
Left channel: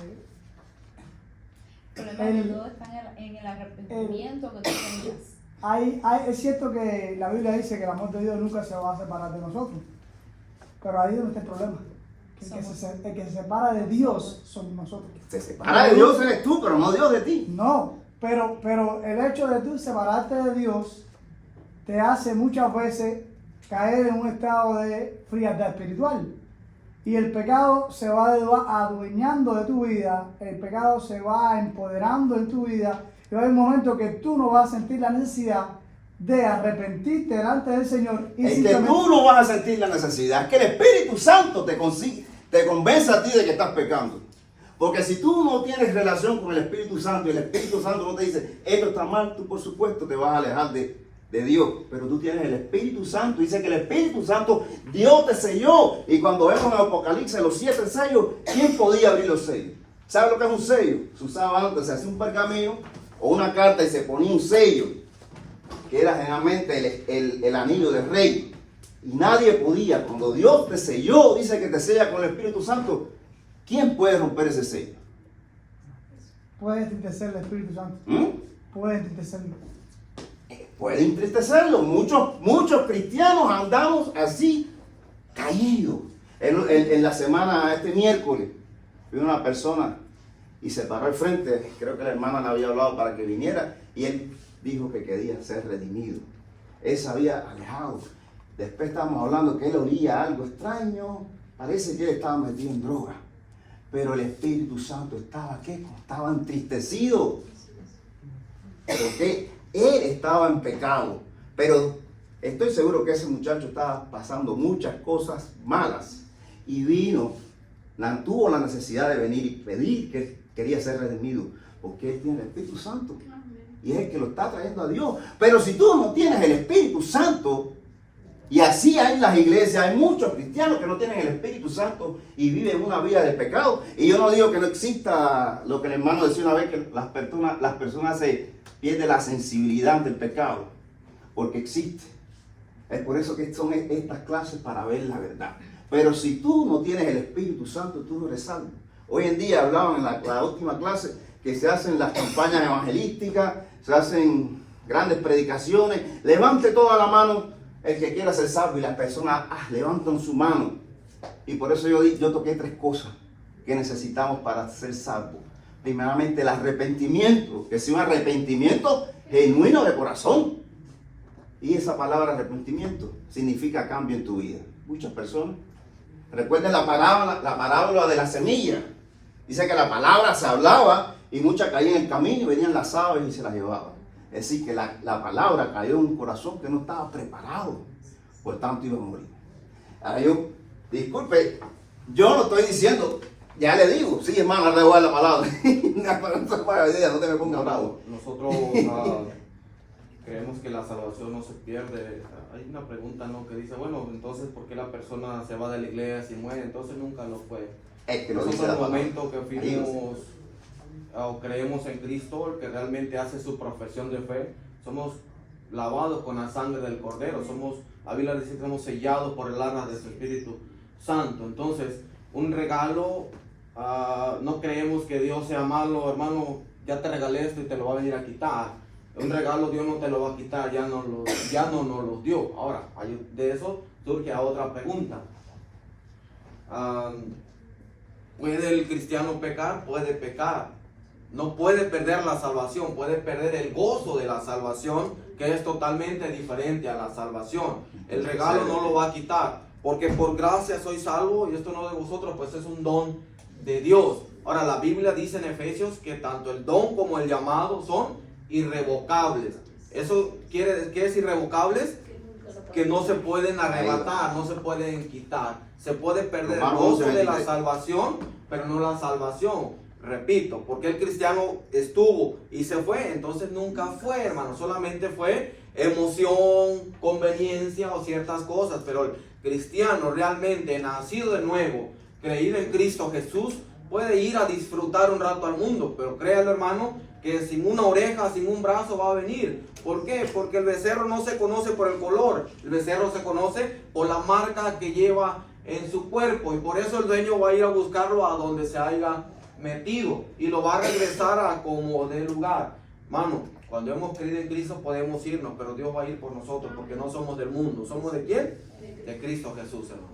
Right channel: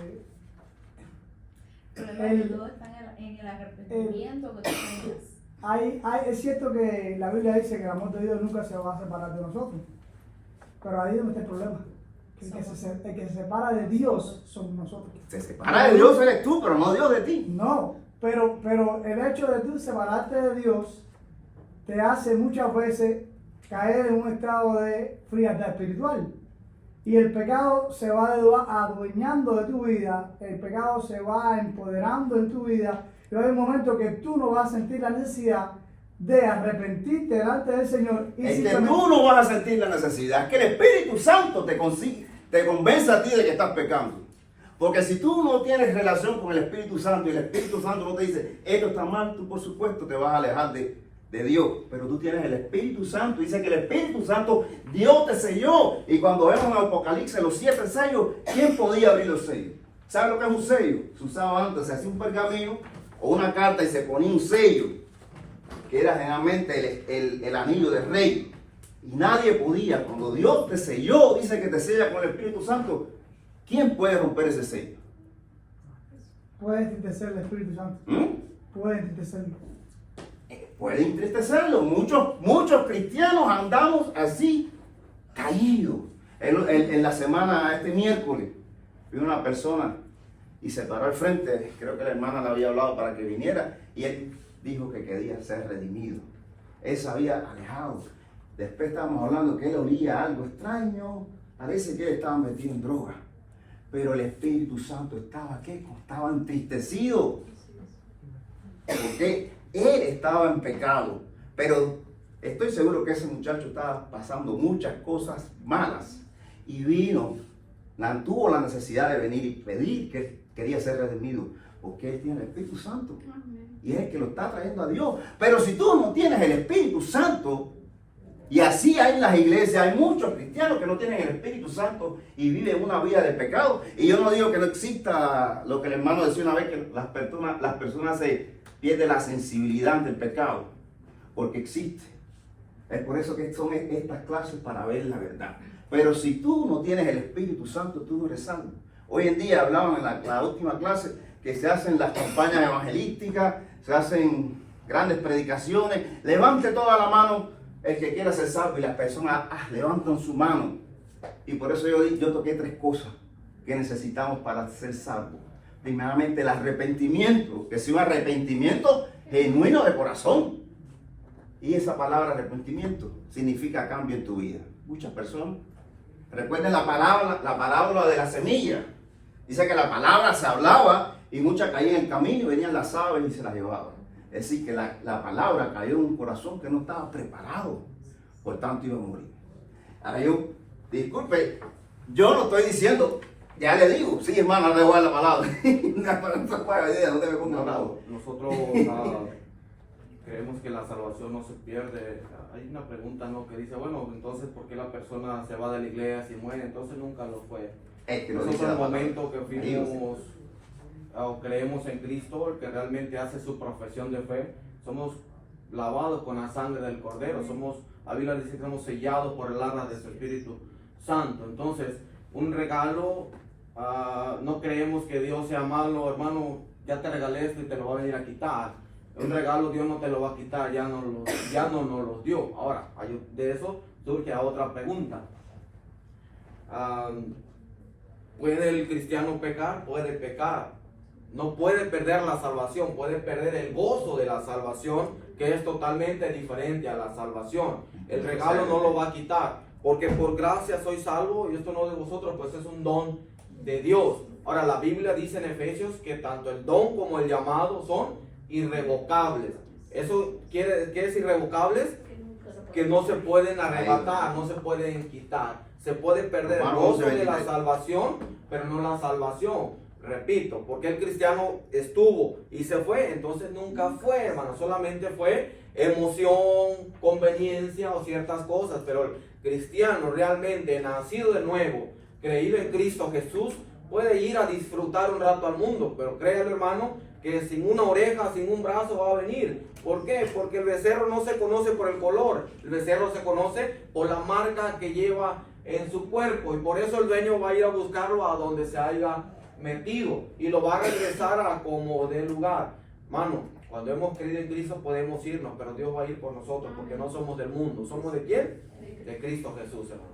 El problema de todo está en el arrepentimiento que tú tengas. es cierto que la Biblia dice que el amor de Dios nunca se va a separar de nosotros. Pero ahí es donde está el problema. El que se separa de Dios somos nosotros. Se separa de Dios eres tú, pero no Dios de ti. No, pero el hecho de tú separarte de Dios te hace muchas veces caer en un estado de frialdad espiritual. Y el pecado se va adueñando de tu vida, el pecado se va empoderando en tu vida. Y va a haber un momento que tú no vas a sentir la necesidad de arrepentirte delante del Señor. Y Es que tú no vas a sentir la necesidad, es que el Espíritu Santo te convence a ti de que estás pecando. Porque si tú no tienes relación con el Espíritu Santo y el Espíritu Santo no te dice, esto está mal, tú por supuesto te vas a alejar de Dios. Pero tú tienes el Espíritu Santo, dice que el Espíritu Santo, Dios te selló. Y cuando vemos en Apocalipsis los 7 sellos, ¿quién podía abrir los sellos? ¿Sabe lo que es un sello? Se usaba antes, se hacía un pergamino o una carta y se ponía un sello, que era generalmente el anillo del rey. Y nadie podía, cuando Dios te selló, dice que te sella con el Espíritu Santo, ¿quién puede romper ese sello? puede entristecer el Espíritu Santo. Puede entristecerlo. Puede entristecerlo. Muchos cristianos andamos así, caídos. En la semana, este miércoles, vino una persona y se paró al frente. Creo que la hermana le había hablado para que viniera y él dijo que quería ser redimido. Él se había alejado. Después estábamos hablando que él olía algo extraño. Parece que él estaba metido en droga. Pero el Espíritu Santo estaba, ¿qué? Estaba entristecido. Porque él estaba en pecado. Pero estoy seguro que ese muchacho estaba pasando muchas cosas malas. Y tuvo la necesidad de venir y pedir que él quería ser redimido. Porque él tiene el Espíritu Santo. Y es el que lo está trayendo a Dios. Pero si tú no tienes el Espíritu Santo, y así hay en las iglesias, hay muchos cristianos que no tienen el Espíritu Santo y viven una vida de pecado. Y yo no digo que no exista lo que el hermano decía una vez, que las personas se pierden la sensibilidad del pecado, porque existe. Es por eso que son estas clases, para ver la verdad. Pero si tú no tienes el Espíritu Santo, tú no eres salvo. Hoy en día hablaban en la última clase que se hacen las campañas evangelísticas, se hacen grandes predicaciones. Levante toda la mano el que quiera ser salvo, y las personas levantan su mano. Y por eso yo toqué 3 cosas que necesitamos para ser salvos. Primeramente, el arrepentimiento, que sea un arrepentimiento genuino de corazón. Y esa palabra arrepentimiento significa cambio en tu vida. Muchas personas. Recuerden la parábola de la semilla. Dice que la palabra se hablaba y muchas caían en el camino y venían las aves y se las llevaban. Es decir, que la palabra cayó en un corazón que no estaba preparado. Por tanto, iba a morir. Ahora yo, disculpe, yo no estoy diciendo, ya le digo, sí, hermano, le voy a la palabra. No te me pongas bravo. Nosotros creemos que la salvación no se pierde. Hay una pregunta, ¿no?, que dice, bueno, entonces, ¿por qué la persona se va de la iglesia y muere? Entonces nunca lo fue. Es que lo Nosotros dice en la el palabra. momento que fuimos o creemos en Cristo, el que realmente hace su profesión de fe, somos lavados con la sangre del Cordero, la Biblia dice que somos sellados por el arra de su Espíritu Santo. Entonces, un regalo, no creemos que Dios sea malo, hermano, ya te regalé esto y te lo va a venir a quitar. Un regalo Dios no te lo va a quitar, ya no nos los dio. Ahora, de eso surge a otra pregunta. ¿Puede el cristiano pecar? Puede pecar. No puede perder la salvación, puede perder el gozo de la salvación, que es totalmente diferente a la salvación. El regalo no lo va a quitar, porque por gracia soy salvo, y esto no de vosotros, pues es un don de Dios. Ahora, la Biblia dice en Efesios que tanto el don como el llamado son irrevocables. ¿Eso qué es irrevocables? Que no se pueden arrebatar, no se pueden quitar. Se puede perder el gozo de la salvación, pero no la salvación. Repito, porque el cristiano estuvo y se fue, entonces nunca fue, hermano, solamente fue emoción, conveniencia o ciertas cosas, pero el cristiano realmente nacido de nuevo, creído en Cristo Jesús, puede ir a disfrutar un rato al mundo, pero créalo, hermano, que sin una oreja, sin un brazo va a venir. ¿Por qué? Porque el becerro no se conoce por el color, el becerro se conoce por la marca que lleva en su cuerpo, y por eso el dueño va a ir a buscarlo a donde se haya metido y lo va a regresar a como de lugar. Mano, cuando hemos creído en Cristo podemos irnos, pero Dios va a ir por nosotros, porque no somos del mundo. ¿Somos de quién? De Cristo Jesús, hermano.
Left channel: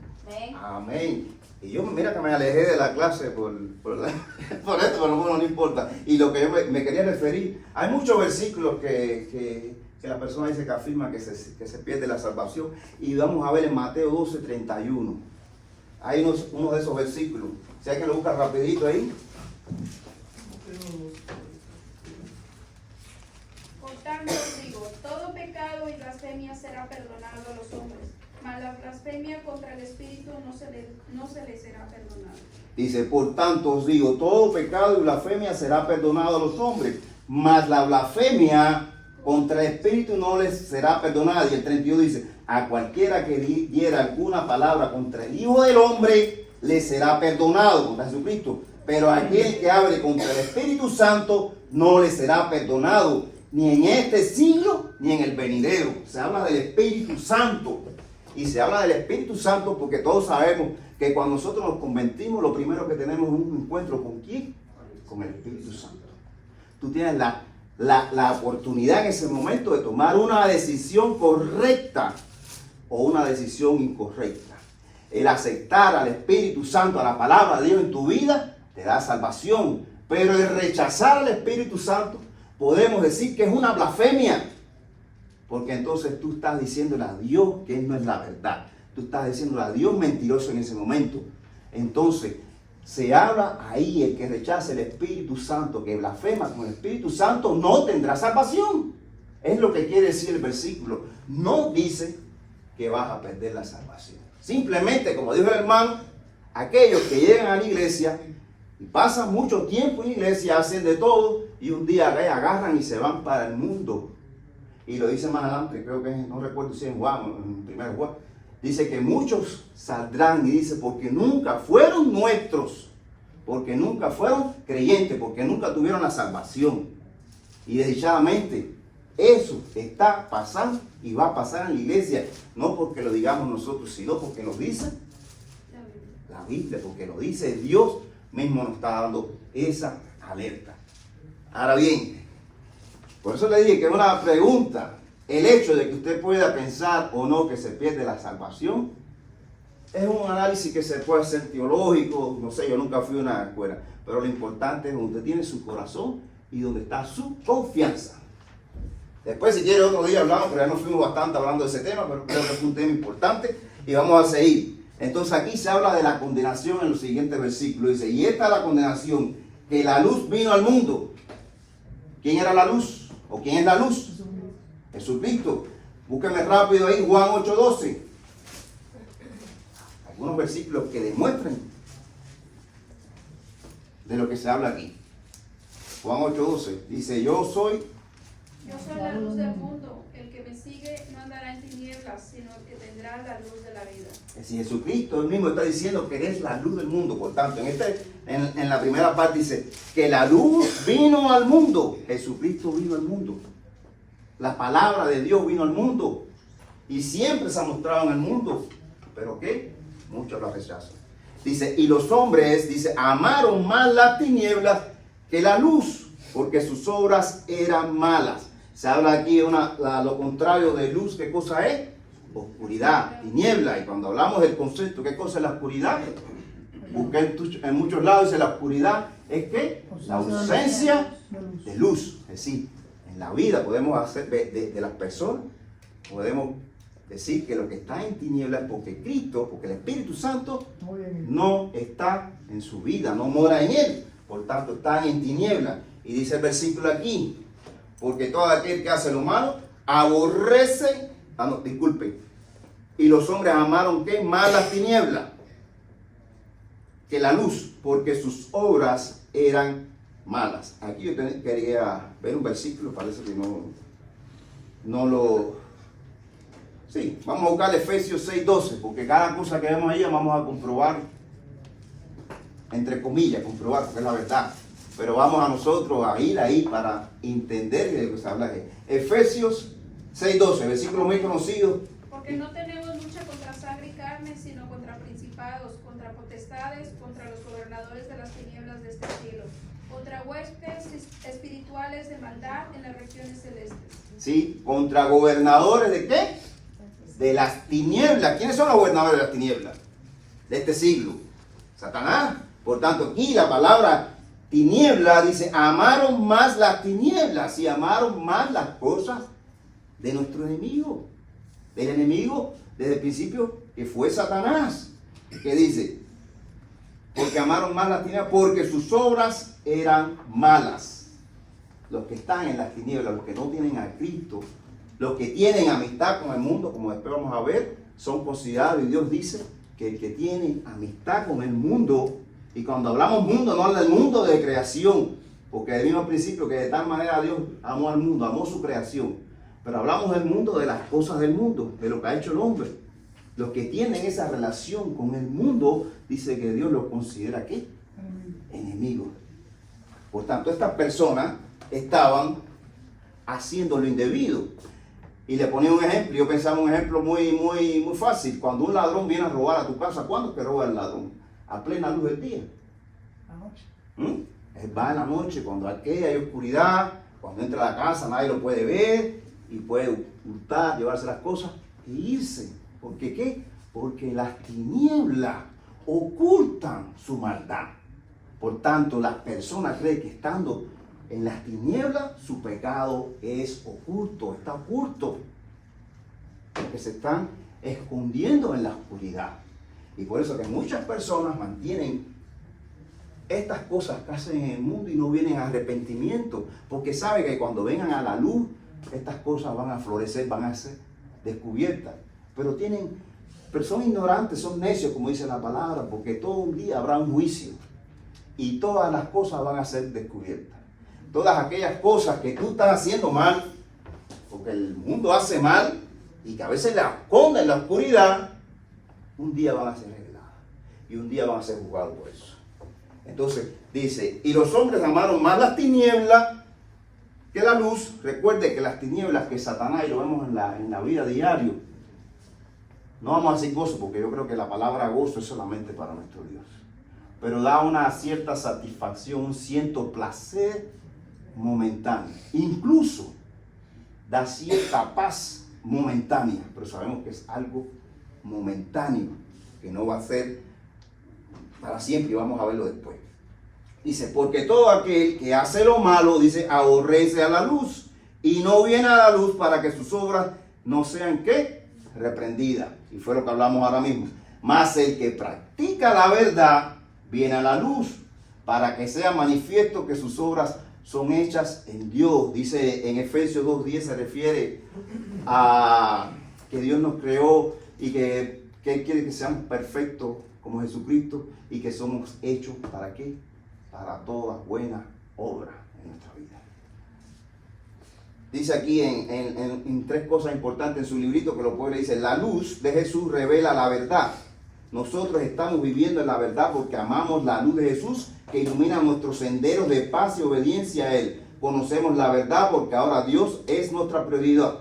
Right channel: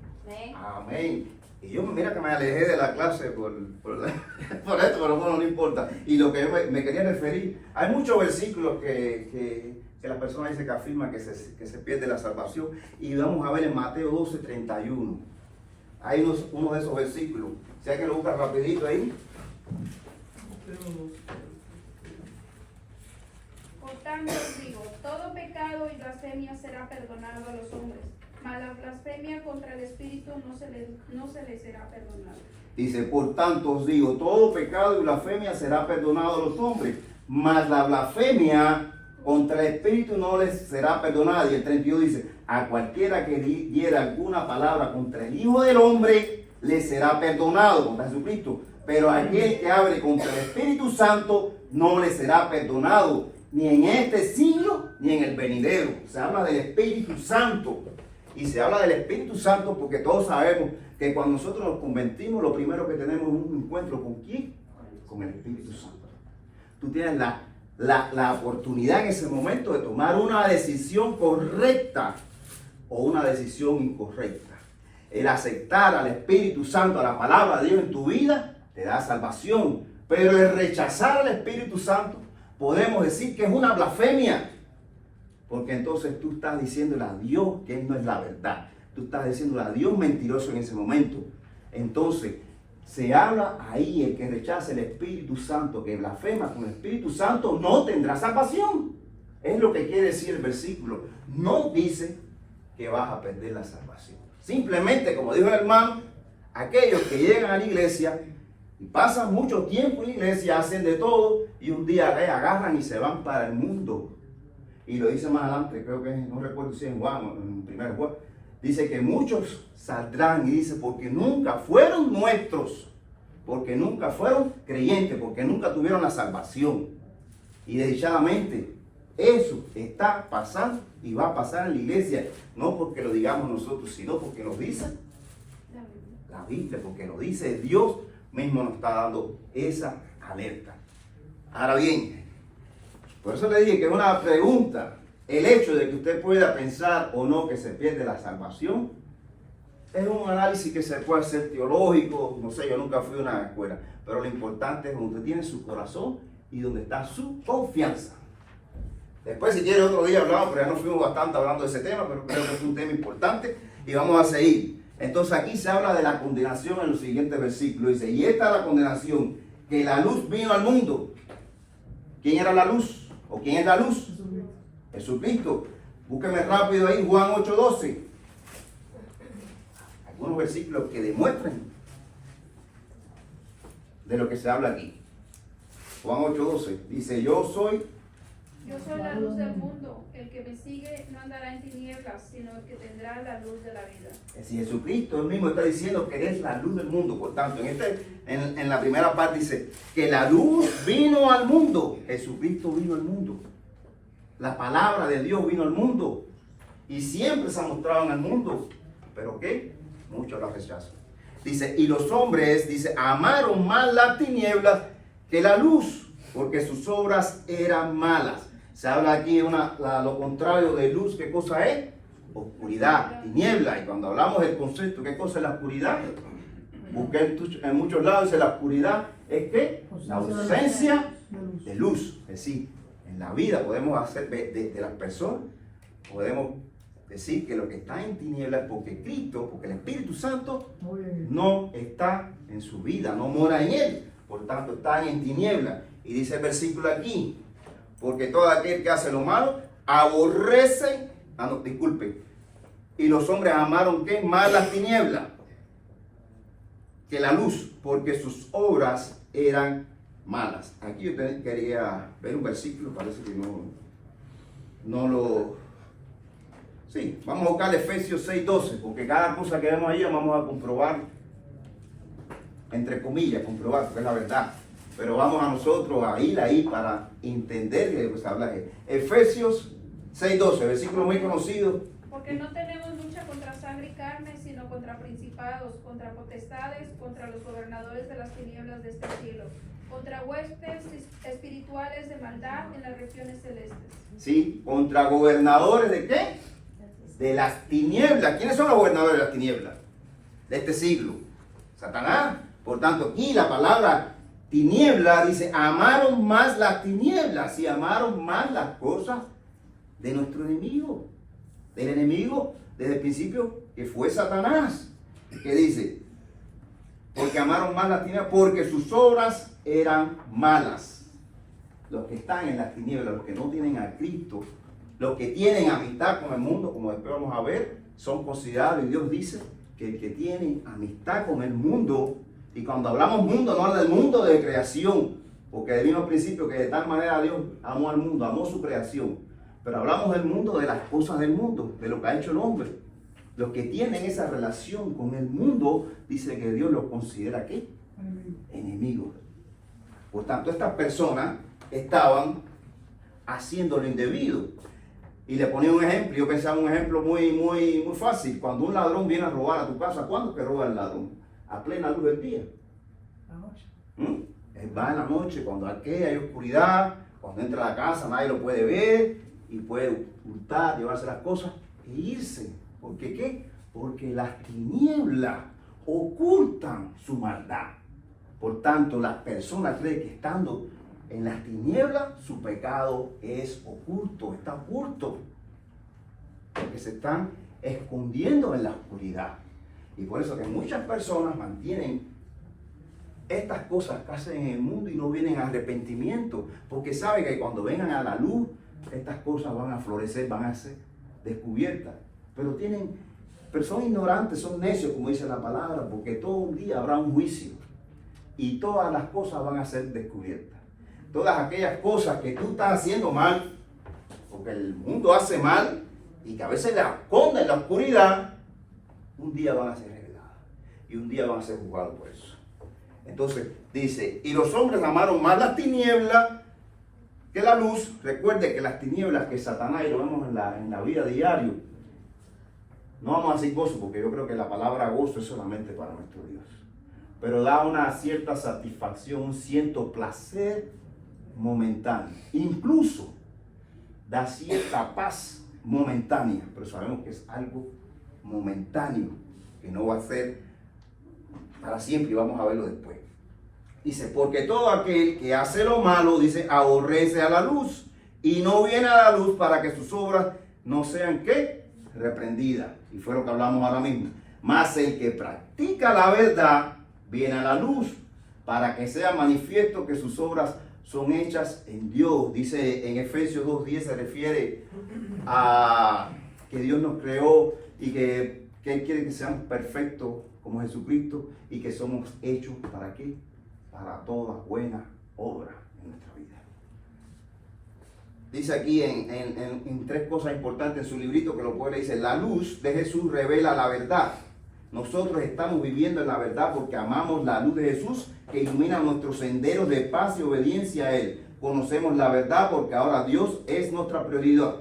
Amén. Y yo, mira que me alejé de la clase por esto, pero bueno, no importa. Y lo que yo me quería referir, hay muchos versículos que la persona dice que afirma que se pierde la salvación, y vamos a ver en Mateo 12:31. Hay uno de esos versículos. Si hay que lo buscar rapidito ahí. Por tanto os digo, todo pecado y blasfemia será perdonado a los hombres, mas la blasfemia contra el Espíritu no se le será perdonada. Dice, por tanto os digo, todo pecado y blasfemia será perdonado a los hombres, mas la blasfemia contra el Espíritu no les será perdonada. Y el 32 dice, a cualquiera que diera alguna palabra contra el Hijo del Hombre, le será perdonado, contra Jesucristo. Pero aquel que hable contra el Espíritu Santo, no le será perdonado, ni en este siglo, ni en el venidero. Se habla del Espíritu Santo. Y se habla del Espíritu Santo porque todos sabemos que cuando nosotros nos convertimos, lo primero que tenemos es un encuentro con ¿quién? Con el Espíritu Santo. Tú tienes la oportunidad en ese momento de tomar una decisión correcta o una decisión incorrecta. El aceptar al Espíritu Santo, a la palabra de Dios en tu vida, te da salvación. Pero el rechazar al Espíritu Santo, podemos decir que es una blasfemia. Porque entonces tú estás diciéndole a Dios que Él no es la verdad. Tú estás diciéndole a Dios mentiroso en ese momento. Entonces, se habla ahí, el que rechace el Espíritu Santo, que blasfema con el Espíritu Santo, no tendrá salvación. Es lo que quiere decir el versículo. No dice que vas a perder la salvación. Simplemente, como dijo el hermano, aquellos que llegan a la iglesia y pasan mucho tiempo en la iglesia, hacen de todo y un día agarran y se van para el mundo. Y lo dice más adelante, creo que no recuerdo si en Juan, en 1 Juan, dice que muchos saldrán, y dice, porque nunca fueron nuestros, porque nunca fueron creyentes, porque nunca tuvieron la salvación. Y desdichadamente, eso está pasando y va a pasar en la iglesia, no porque lo digamos nosotros, sino porque lo dice la Biblia, porque lo dice Dios mismo, nos está dando esa alerta. Ahora bien, por eso le dije que es una pregunta, el hecho de que usted pueda pensar o no que se pierde la salvación, es un análisis que se puede hacer teológico, no sé, yo nunca fui a una escuela, pero lo importante es donde tiene su corazón y donde está su confianza. Después, si quiere, otro día hablamos, pero ya nos fuimos bastante hablando de ese tema, pero creo que es un tema importante y vamos a seguir. Entonces aquí se habla de la condenación en los siguientes versículos. Dice, y esta es la condenación, que la luz vino al mundo. ¿Quién era la luz? ¿O quién es la luz? Jesucristo. Búsqueme rápido ahí, Juan 8:12. Algunos versículos que demuestran de lo que se habla aquí. Juan 8:12 dice, yo soy la luz del mundo. El que me sigue no andará en tinieblas, sino el que tendrá la luz de la vida. Si Jesucristo él mismo está diciendo que es la luz del mundo. Por tanto, en la primera parte dice que la luz vino al mundo. Jesucristo vino al mundo. La palabra de Dios vino al mundo. Y siempre se ha mostrado en el mundo. ¿Pero qué? Muchos la rechazan. Dice, y los hombres, dice, amaron más las tinieblas que la luz, porque sus obras eran malas. Se habla aquí lo contrario de luz. ¿Qué cosa es? Oscuridad, tiniebla. Y cuando hablamos del concepto, ¿qué cosa es la oscuridad? Busqué en muchos lados, dice la oscuridad es que la ausencia de luz. Es decir, en la vida podemos hacer de las personas, podemos decir que lo que está en tinieblas es porque Cristo, porque el Espíritu Santo no está en su vida, no mora en él. Por tanto, está en tinieblas. Y dice el versículo aquí, porque todo aquel que hace lo malo aborrece, y los hombres amaron ¿qué? Más las tinieblas que la luz, porque sus obras eran malas. Aquí yo quería ver un versículo, parece que no lo... Sí, vamos a buscar Efesios 6:12, porque cada cosa que vemos ahí vamos a comprobar, entre comillas, comprobar, porque es la verdad. Pero vamos a nosotros a ir ahí para entender de lo que se habla aquí. Efesios 6:12, versículo muy conocido. Porque no tenemos lucha contra sangre y carne, sino contra principados, contra potestades, contra los gobernadores de las tinieblas de este siglo, contra huestes espirituales de maldad en las regiones celestes. Sí, contra gobernadores de ¿qué? De las tinieblas. ¿Quiénes son los gobernadores de las tinieblas? De este siglo. Satanás. Por tanto, aquí la palabra tiniebla dice, amaron más las tinieblas y amaron más las cosas de nuestro enemigo. Del enemigo desde el principio que fue Satanás. ¿Qué dice? Porque amaron más las tinieblas, porque sus obras eran malas. Los que están en las tinieblas, los que no tienen a Cristo, los que tienen amistad con el mundo, como después vamos a ver, son considerados, y Dios dice que el que tiene amistad con el mundo, y cuando hablamos mundo, no habla del mundo de creación, porque vino al principio que de tal manera Dios amó al mundo, amó su creación, pero hablamos del mundo, de las cosas del mundo, de lo que ha hecho el hombre. Los que tienen esa relación con el mundo, dice que Dios los considera ¿qué? Enemigos. Por tanto, estas personas estaban haciendo lo indebido. Y le ponía un ejemplo, yo pensaba un ejemplo muy fácil. Cuando un ladrón viene a robar a tu casa, ¿cuándo es que roba el ladrón? A plena luz del día. Anoche. Él va en la noche, cuando aquí hay oscuridad, cuando entra a la casa nadie lo puede ver y puede hurtar, llevarse las cosas e irse. ¿Por qué qué? Porque las tinieblas ocultan su maldad. Por tanto, las personas creen que estando en las tinieblas, su pecado es oculto, está oculto. Porque se están escondiendo en la oscuridad. Y por eso que muchas personas mantienen estas cosas que hacen en el mundo y no vienen a arrepentimiento. Porque saben que cuando vengan a la luz, estas cosas van a florecer, van a ser descubiertas. Pero son ignorantes, son necios, como dice la palabra, porque todo un día habrá un juicio. Y todas las cosas van a ser descubiertas. Todas aquellas cosas que tú estás haciendo mal, porque el mundo hace mal y que a veces la esconde en la oscuridad, un día van a ser reveladas y un día van a ser juzgados por eso. Entonces dice, y los hombres amaron más las tinieblas que la luz. Recuerde que las tinieblas que Satanás, y lo vemos en la vida diaria, no vamos a decir gozo, porque yo creo que la palabra gozo es solamente para nuestro Dios, pero da una cierta satisfacción, un cierto placer momentáneo, incluso da cierta paz momentánea, pero sabemos que es algo momentáneo, que no va a ser para siempre, y vamos a verlo después. Dice, porque todo aquel que hace lo malo, dice, aborrece a la luz y no viene a la luz para que sus obras no sean ¿qué? Reprendidas. Y fue lo que hablamos ahora mismo. Mas el que practica la verdad viene a la luz para que sea manifiesto que sus obras son hechas en Dios. Dice en Efesios 2:10, se refiere a que Dios nos creó y que Él quiere que seamos perfectos como Jesucristo y que somos hechos ¿para qué? Para toda buena obra en nuestra vida. Dice aquí en tres cosas importantes en su librito que lo puede leer. Dice, la luz de Jesús revela la verdad. Nosotros estamos viviendo en la verdad porque amamos la luz de Jesús que ilumina nuestros senderos de paz y obediencia a Él. Conocemos la verdad porque ahora Dios es nuestra prioridad.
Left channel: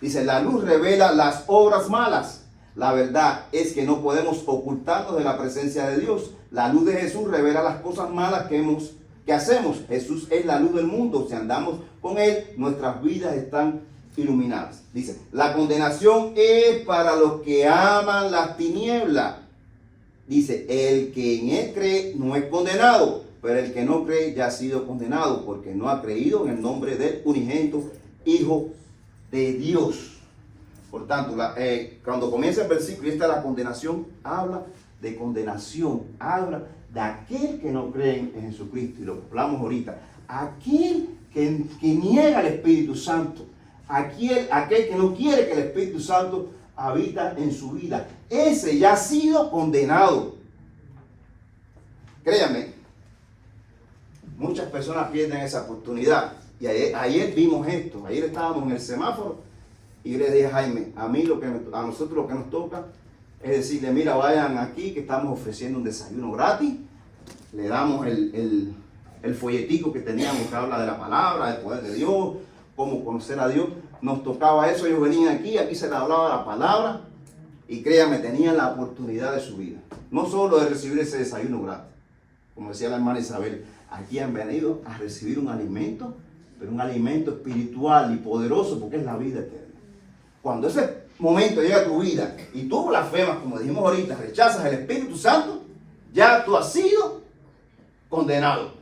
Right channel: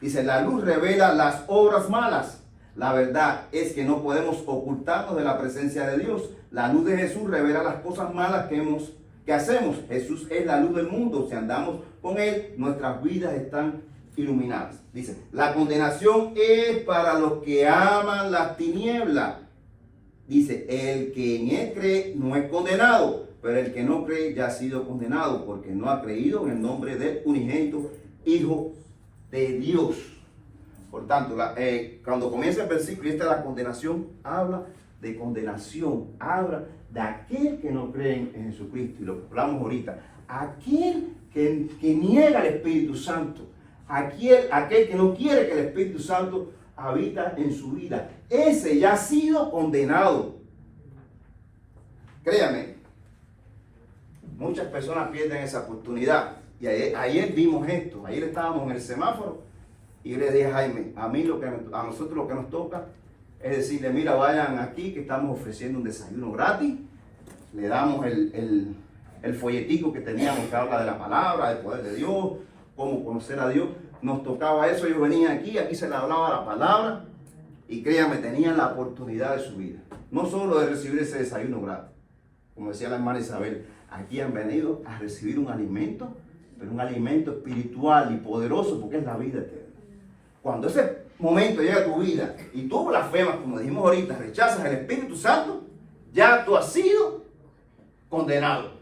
Dice, la luz revela las obras malas. La verdad es que no podemos ocultarnos de la presencia de Dios. La luz de Jesús revela las cosas malas que hacemos. Jesús es la luz del mundo. Si andamos con Él, nuestras vidas están iluminadas. Dice, la condenación es para los que aman las tinieblas. Dice, el que en Él cree no es condenado, pero el que no cree ya ha sido condenado porque no ha creído en el nombre del unigénito Hijo de Dios. Por tanto, cuando comienza el versículo y está la condenación, habla de condenación, habla de aquel que no cree en Jesucristo. Y lo que hablamos ahorita, aquel que niega al Espíritu Santo, aquel que no quiere que el Espíritu Santo habita en su vida, ese ya ha sido condenado. Créame, muchas personas pierden esa oportunidad. Y ayer vimos esto, ayer estábamos en el semáforo y yo le dije a Jaime, a nosotros lo que nos toca es decirle, mira, vayan aquí que estamos ofreciendo un desayuno gratis. Le damos el folletico que teníamos que habla de la palabra, del poder de Dios, cómo conocer a Dios. Nos tocaba eso, ellos venían aquí se les hablaba la palabra y créanme, tenían la oportunidad de su vida. No solo de recibir ese desayuno gratis, como decía la hermana Isabel, aquí han venido a recibir un alimento, pero un alimento espiritual y poderoso porque es la vida eterna. Cuando ese momento llega a tu vida y tú blasfemas, como dijimos ahorita, rechazas el Espíritu Santo, ya tú has sido condenado.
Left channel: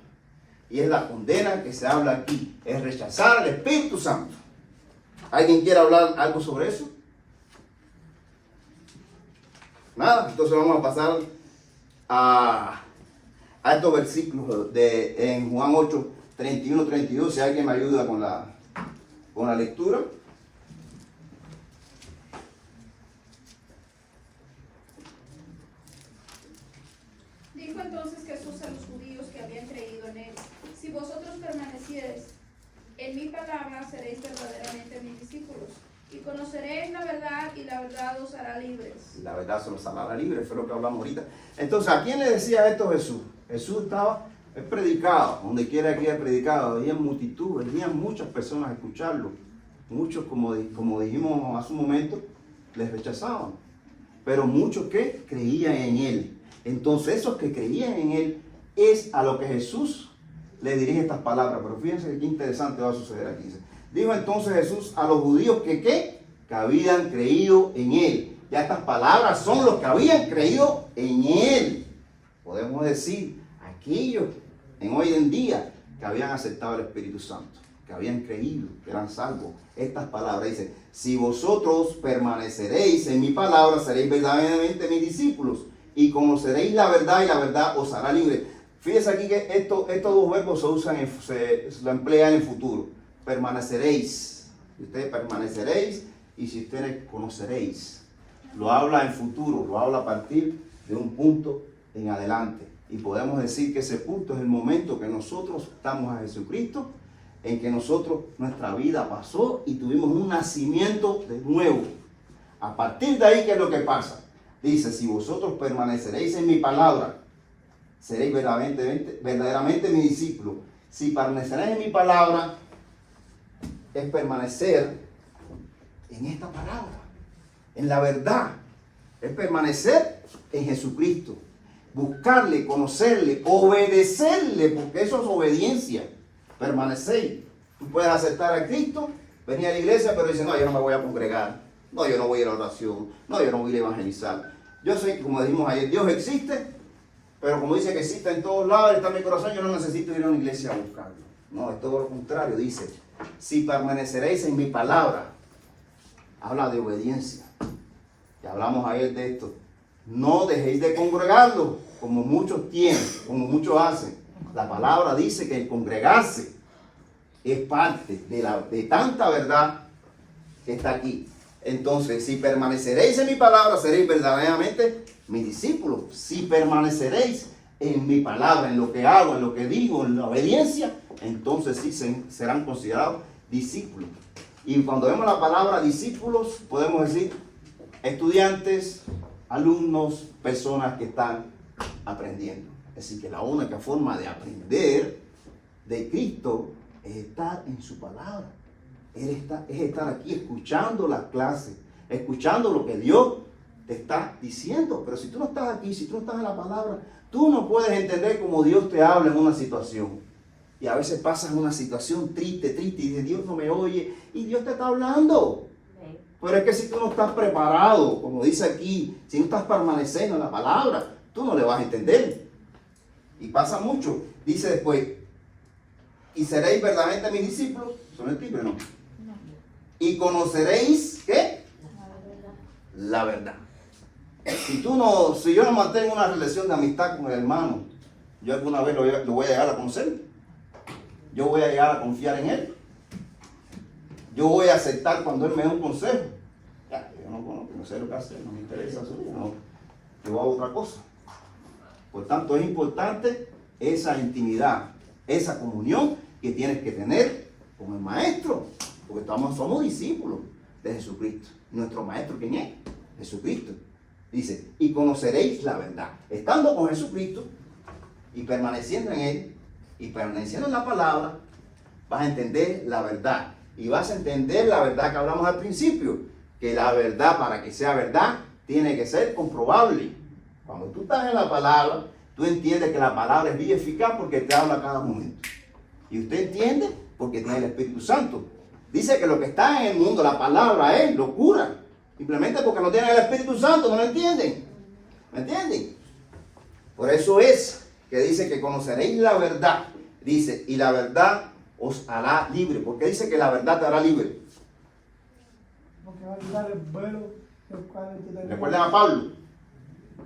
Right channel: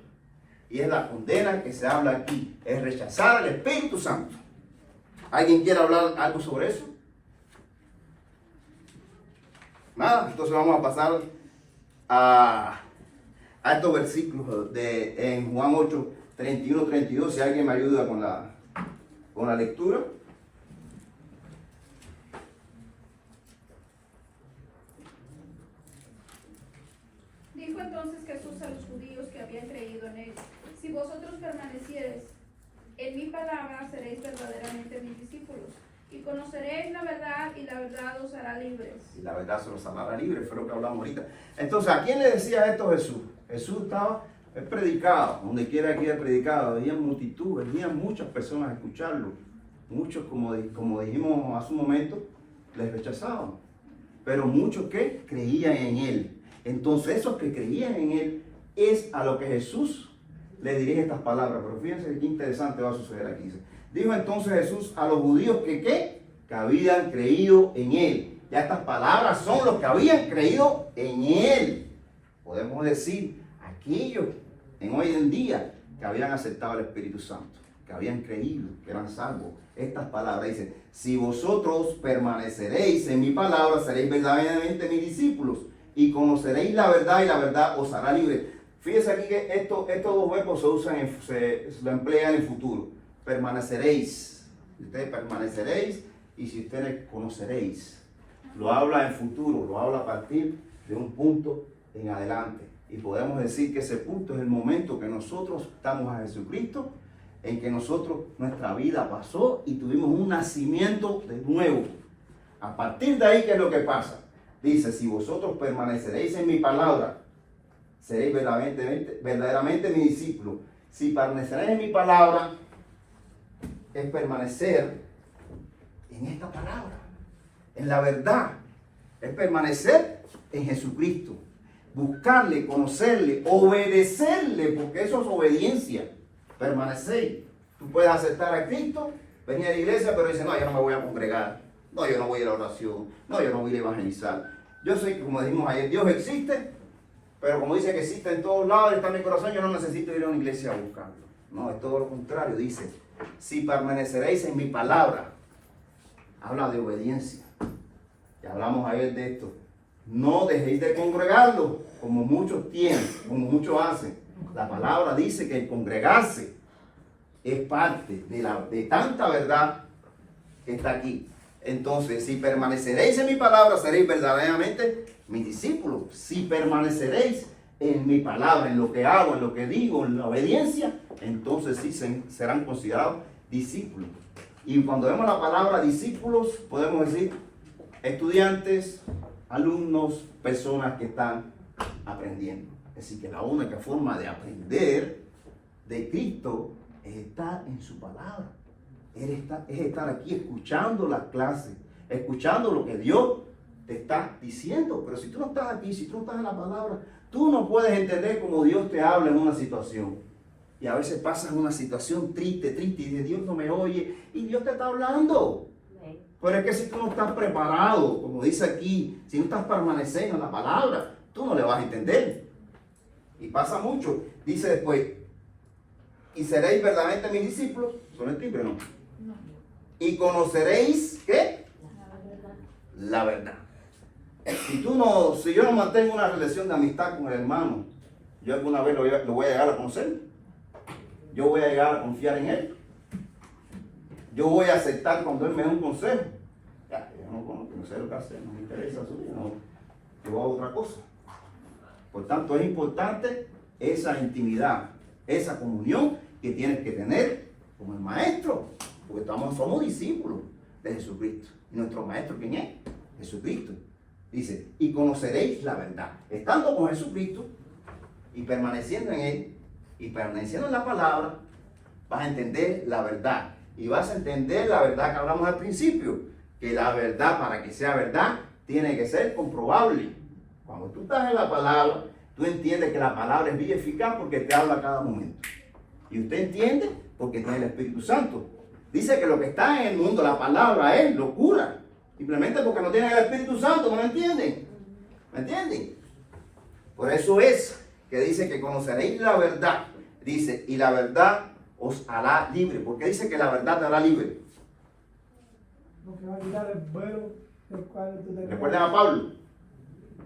Y es la condena que se habla aquí, es rechazar al Espíritu Santo. ¿Alguien quiere hablar algo sobre eso? Nada, entonces vamos a pasar a estos versículos en Juan 8, 31, 32. Si alguien me ayuda con la lectura. Dijo entonces Jesús a los judíos que habían creído en Él, si vosotros permaneciereis en mi palabra, seréis verdaderamente mis discípulos, y conoceréis la verdad, y la verdad os hará libres. Y la verdad se los hará libre, fue lo que hablamos ahorita. Entonces, ¿a quién le decía esto Jesús? Jesús él predicaba, donde quiera que haya predicado, había multitud, venían muchas personas a escucharlo. Muchos, como dijimos hace un momento, les rechazaban. Pero muchos que creían en Él. Entonces, esos que creían en Él es a lo que Jesús le dirige estas palabras. Pero fíjense qué interesante va a suceder aquí. Dijo entonces Jesús a los judíos que habían creído en Él. Ya estas palabras son los que habían creído en Él. Podemos decir, aquellos en hoy en día que habían aceptado el Espíritu Santo, que habían creído, que eran salvos. Estas palabras dicen, si vosotros permaneceréis en mi palabra, seréis verdaderamente mis discípulos y conoceréis la verdad y la verdad os hará libre. Fíjense aquí que estos dos verbos se lo emplean en el futuro. Permaneceréis. Ustedes permaneceréis y si ustedes conoceréis. Lo habla en futuro, lo habla a partir de un punto en adelante. Y podemos decir que ese punto es el momento que nosotros estamos a Jesucristo, en que nuestra vida pasó y tuvimos un nacimiento de nuevo. A partir de ahí, ¿qué es lo que pasa? Dice, si vosotros permaneceréis en mi palabra, seréis verdaderamente mi discípulo. Si permaneceréis en mi palabra, es permanecer en esta palabra, en la verdad. Es permanecer en Jesucristo. Buscarle, conocerle, obedecerle, porque eso es obediencia. Permanecer. Tú puedes aceptar a Cristo, venir a la iglesia, pero dices, no, yo no me voy a congregar. No, yo no voy a ir a la oración. No, yo no voy a ir a evangelizar. Yo sé que, como dijimos ayer, Dios existe, pero como dice que existe en todos lados, está en mi corazón, yo no necesito ir a una iglesia a buscarlo. No, es todo lo contrario. Dice, si permaneceréis en mi palabra, habla de obediencia. Ya hablamos ayer de esto. No dejéis de congregarlo, como muchos tienen, como muchos hacen. La palabra dice que el congregarse es parte de tanta verdad que está aquí. Entonces, si permaneceréis en mi palabra, seréis verdaderamente mis discípulos. Si permaneceréis en mi palabra, en lo que hago, en lo que digo, en la obediencia, entonces sí serán considerados discípulos. Y cuando vemos la palabra discípulos, podemos decir estudiantes, alumnos, personas que están aprendiendo. Es decir, que la única forma de aprender de Cristo es estar en su palabra. Es estar aquí escuchando las clases, escuchando lo que Dios te está diciendo. Pero si tú no estás aquí, si tú no estás en la palabra, tú no puedes entender cómo Dios te habla en una situación. Y a veces pasas una situación triste, y dices, Dios no me oye, y Dios te está hablando. Pero es que si tú no estás preparado, como dice aquí, si no estás permaneciendo en la palabra, tú no le vas a entender. Y pasa mucho. Dice después, y seréis verdaderamente mis discípulos. ¿Son el timbre, no? Y conoceréis, ¿qué? La verdad. Si yo no mantengo una relación de amistad con el hermano, yo alguna vez lo voy a llegar a conocer. Yo voy a llegar a confiar en él. Yo voy a aceptar cuando él me dé un consejo. Ya, yo no sé lo que hace, no me interesa su vida, no. Yo hago otra cosa. Por tanto, es importante esa intimidad, esa comunión que tienes que tener con el maestro, porque somos discípulos de Jesucristo. ¿Y nuestro maestro quién es? Jesucristo. Dice, y conoceréis la verdad. Estando con Jesucristo y permaneciendo en él y permaneciendo en la palabra, vas a entender la verdad. Y vas a entender la verdad que hablamos al principio, que la verdad, para que sea verdad, tiene que ser comprobable. Cuando tú estás en la palabra, tú entiendes que la palabra es bien eficaz porque te habla a cada momento. Y usted entiende porque tiene el Espíritu Santo. Dice que lo que está en el mundo, la palabra es locura. Simplemente porque no tienen el Espíritu Santo, no lo entienden. ¿Me entienden? Por eso es que dice que conoceréis la verdad. Dice, y la verdad os hará libre. ¿Por qué dice que la verdad te hará libre? Porque va a quitar el velo el cual tú te Recuerden a Pablo.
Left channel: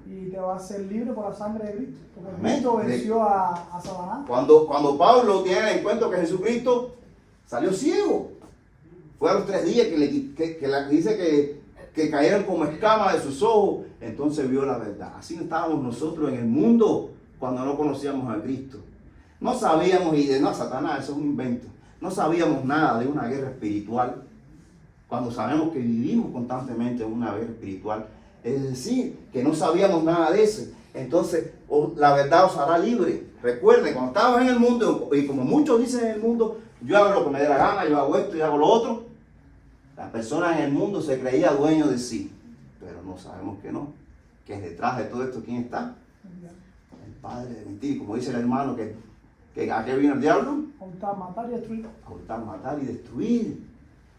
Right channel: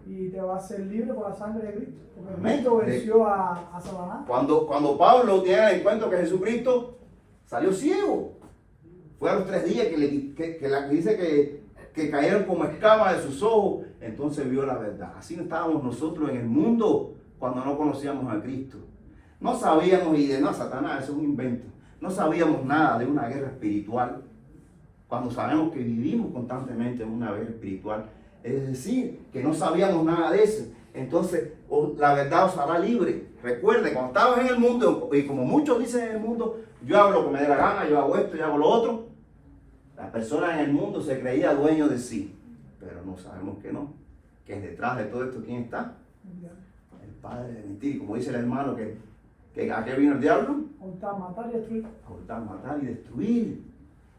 y te va a hacer libre por la sangre de Cristo. Porque Amén. Cristo venció a Satanás. Cuando Pablo tiene el encuentro que Jesucristo salió ciego. Fue a los 3 días que dice que cayeron como escamas de sus ojos. Entonces vio la verdad. Así estábamos nosotros en el mundo cuando no conocíamos a Cristo. No sabíamos, y de no, Satanás, eso es un invento. No sabíamos nada de una guerra espiritual. Cuando sabemos que vivimos constantemente en una guerra espiritual. Es decir, que no sabíamos nada de eso. Entonces, la verdad os hará libre. Recuerden, cuando estábamos en el mundo, y como muchos dicen en el mundo, yo hago lo que me dé la gana, yo hago esto y hago lo otro. La persona en el mundo se creía dueño de sí. Pero no sabemos que no. Que detrás de todo esto, ¿quién está? El padre de mentir. Como dice el hermano, que ¿a qué vino el diablo? A hurtar, matar y destruir. A hurtar, matar y destruir.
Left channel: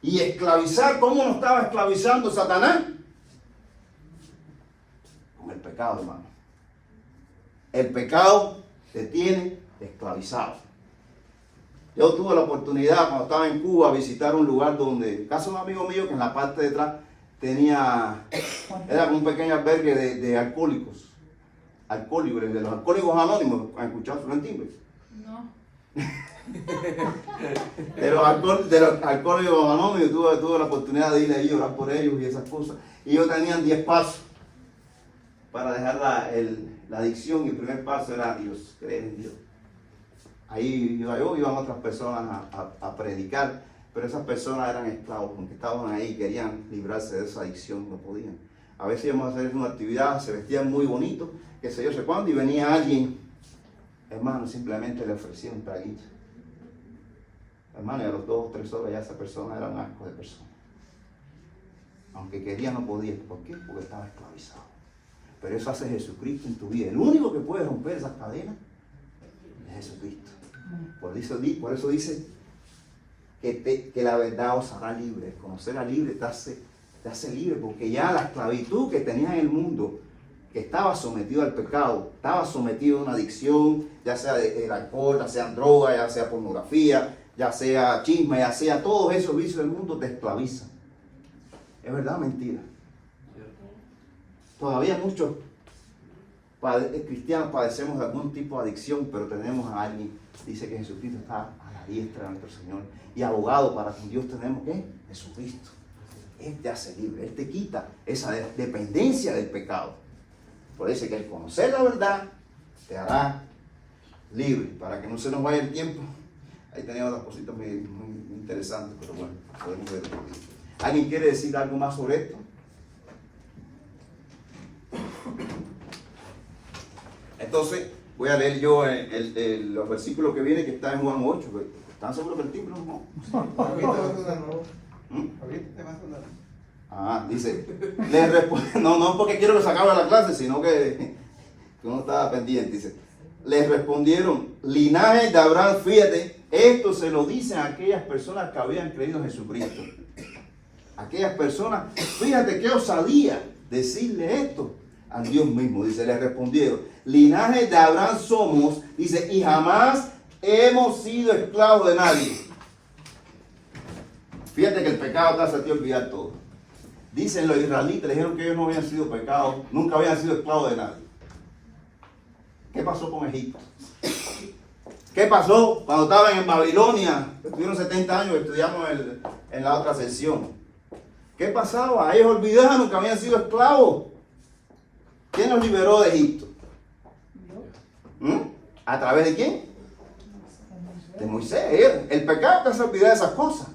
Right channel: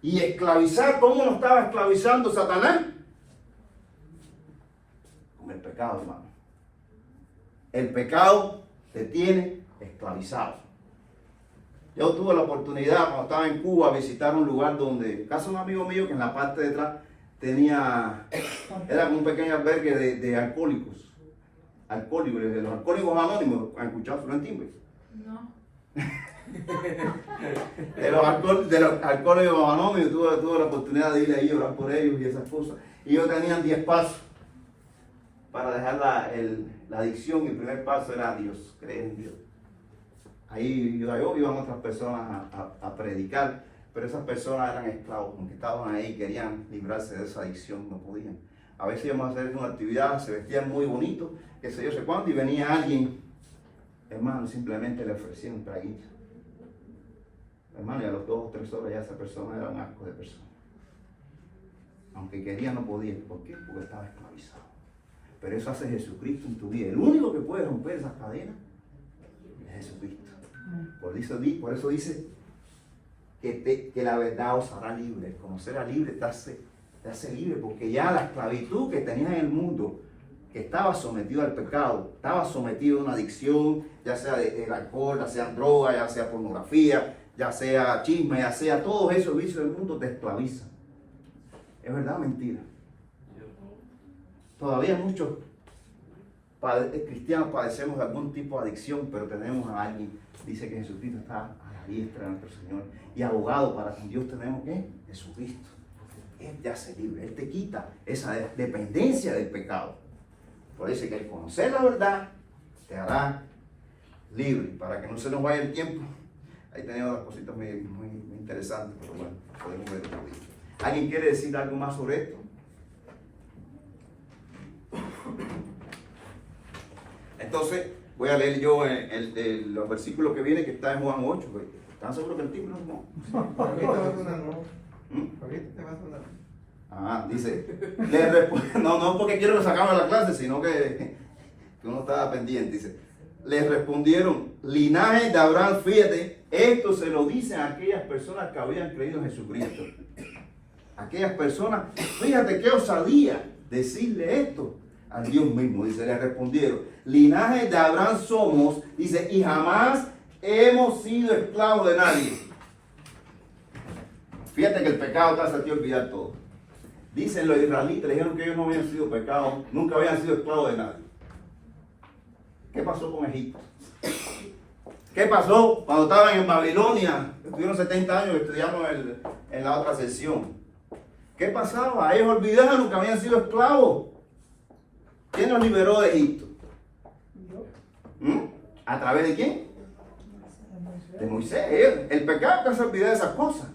Y esclavizar. ¿Cómo nos estaba esclavizando Satanás? Con el pecado, hermano. El pecado te tiene esclavizado. Yo tuve la oportunidad cuando estaba en Cuba visitar un lugar donde, casa de un amigo mío que en la parte de atrás era como un pequeño albergue de alcohólicos. Alcohólicos, de los alcohólicos anónimos. ¿Han escuchado sobre el timbre? No. De los alcohólicos anónimos, tuve la oportunidad de ir ahí a orar por ellos y esas cosas. Y ellos tenían 10 pasos para dejar la adicción. Y el primer paso era Dios, creer en Dios. Ahí iban otras personas a predicar, pero esas personas eran esclavos, porque estaban ahí, querían librarse de esa adicción, no podían. A veces íbamos a hacer una actividad, se vestían muy bonitos, qué sé yo, sé cuándo, y venía alguien, hermano, simplemente le ofrecía un traguito. Hermano, y a los 2 o 3 horas ya esa persona era un asco de persona. Aunque quería, no podía. ¿Por qué? Porque estaba esclavizado. Pero eso hace Jesucristo en tu vida. El único que puede romper esas cadenas es Jesucristo. Por eso dice que la verdad os hará libre. El conocer a libre te hace libre, porque ya la esclavitud que tenías en el mundo, que estaba sometido al pecado, estaba sometido a una adicción, ya sea del alcohol, ya sea droga, ya sea pornografía, ya sea chisme, ya sea todos esos vicios del mundo, te esclavizan. ¿Es verdad o mentira? Todavía muchos cristianos padecemos de algún tipo de adicción, pero tenemos a alguien, dice que Jesucristo está a la diestra de nuestro Señor y abogado para con Dios tenemos ¿qué? Jesucristo. Él te hace libre, Él te quita esa dependencia del pecado. Por eso que el conocer la verdad te hará libre. Para que no se nos vaya el tiempo, ahí tenemos otras cositas muy interesantes, pero bueno, podemos ver otro día. ¿Alguien quiere decir algo más sobre esto? Entonces, voy a leer yo los versículos que vienen, que está en Juan 8. ¿Están seguros que el timbre no? Ahorita va a sonar, ¿no? ¿Mm? Ahorita te va a sonar. Dice, no porque quiero que se acabe la clase, sino que uno estaba pendiente. Dice, les respondieron, linaje de Abraham, fíjate, esto se lo dicen a aquellas personas que habían creído en Jesucristo. Aquellas personas, fíjate qué osadía decirle esto al Dios mismo. Dice, les respondieron, linaje de Abraham somos, dice, y jamás hemos sido esclavos de nadie. Fíjate que el pecado te hace a ti olvidar todo. Dicen los israelitas, le dijeron que ellos no habían sido pecados, nunca habían sido esclavos de nadie. ¿Qué pasó con Egipto? ¿Qué pasó cuando estaban en Babilonia? Estuvieron 70 años, estudiamos en la otra sesión. ¿Qué pasaba? Ellos olvidaron que habían sido esclavos. ¿Quién los liberó de Egipto? ¿A través de quién? De Moisés. El pecado te hace olvidar esas cosas.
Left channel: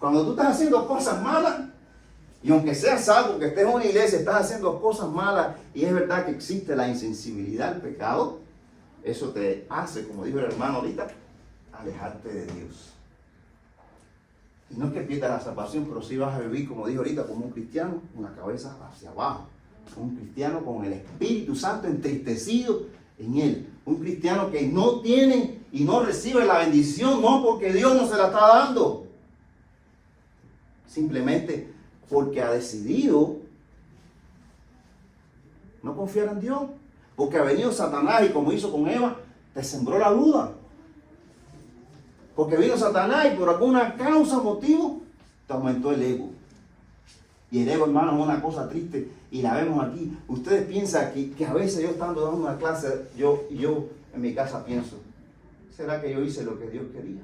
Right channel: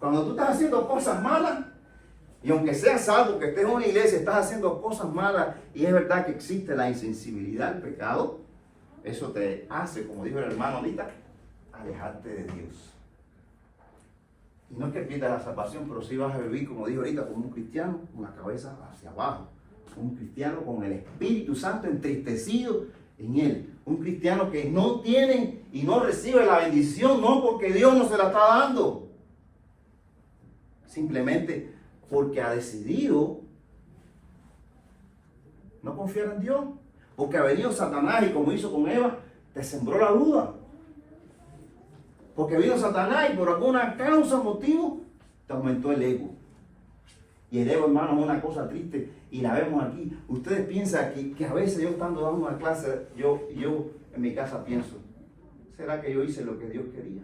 Cuando tú estás haciendo cosas malas, y aunque seas salvo, que estés en una iglesia, estás haciendo cosas malas, y es verdad que existe la insensibilidad al pecado, eso te hace, como dijo el hermano ahorita, alejarte de Dios. Y no es que pierdas la salvación, pero sí vas a vivir, como dijo ahorita, como un cristiano, con la cabeza hacia abajo. Un cristiano con el Espíritu Santo entristecido en él. Un cristiano que no tiene y no recibe la bendición, no porque Dios no se la está dando. Simplemente porque ha decidido no confiar en Dios. Porque ha venido Satanás y como hizo con Eva, te sembró la duda. Porque vino Satanás y por alguna causa, motivo, te aumentó el ego. Y el ego, hermano, es una cosa triste y la vemos aquí. Ustedes piensan que a veces yo estando dando una clase, yo en mi casa pienso, ¿será que yo hice lo que Dios quería?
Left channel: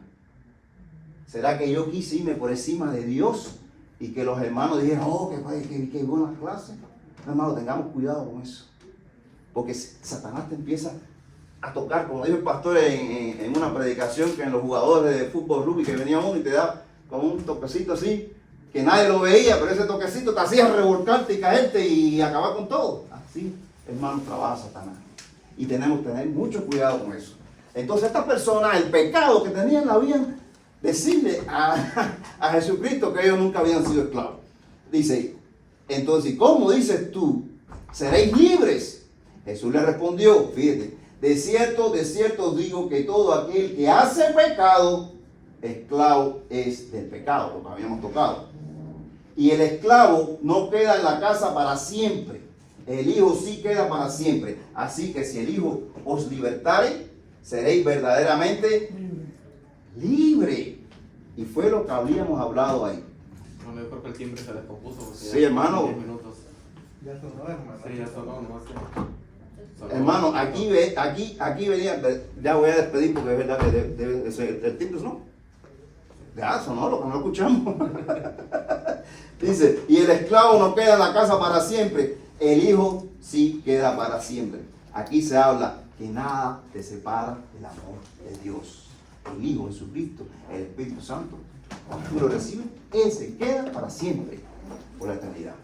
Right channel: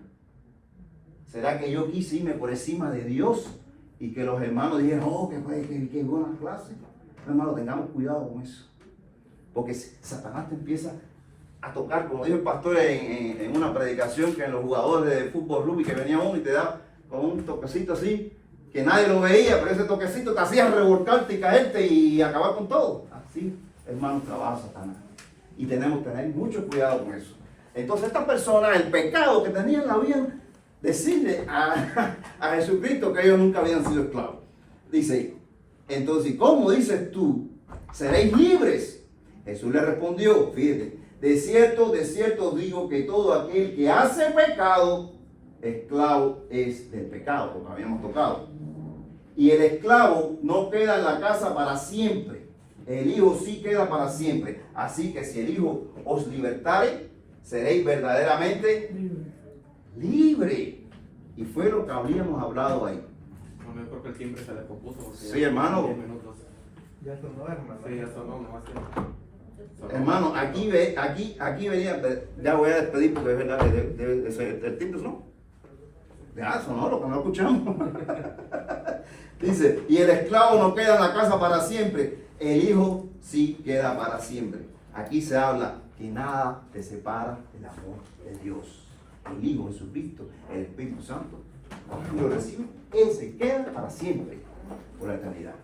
¿Será que yo quise irme por encima de Dios? Y que los hermanos dijeron, oh, qué buena clase. No, hermano, tengamos cuidado con eso. Porque Satanás te empieza a tocar, como dijo el pastor en una predicación, que en los jugadores de fútbol rugby, que venía uno y te da como un toquecito así, que nadie lo veía, pero ese toquecito te hacía revolcarte y caerte y acabar con todo. Así, hermano, trabaja Satanás. Y tenemos que tener mucho cuidado con eso. Entonces, estas personas, el pecado que tenían, la habían decirle a Jesucristo que ellos nunca habían sido esclavos. Dice, entonces, ¿cómo dices tú? ¿Seréis libres? Jesús le respondió, fíjate, de cierto digo que todo aquel que hace pecado, esclavo es del pecado, lo que habíamos tocado. Y el esclavo no queda en la casa para siempre, el Hijo sí queda para siempre. Así que si el Hijo os libertare, seréis verdaderamente libre. Y fue lo que habíamos hablado ahí. Bueno, yo creo que el timbre se descompuso. Sí, hermano. 10 minutos. Ya sonó, hermano. Sí, ya sonó, nomás que... Hermano, aquí venía, ya voy a despedir porque es verdad que debe ser el timbre, ¿no? Ya sonó lo que no escuchamos. Dice, y el esclavo no queda en la casa para siempre, el Hijo sí queda para siempre. Aquí se habla que nada te separa del amor de Dios. El Hijo Jesucristo, el Espíritu Santo, cuando tú lo recibes, ese queda para siempre, por la eternidad.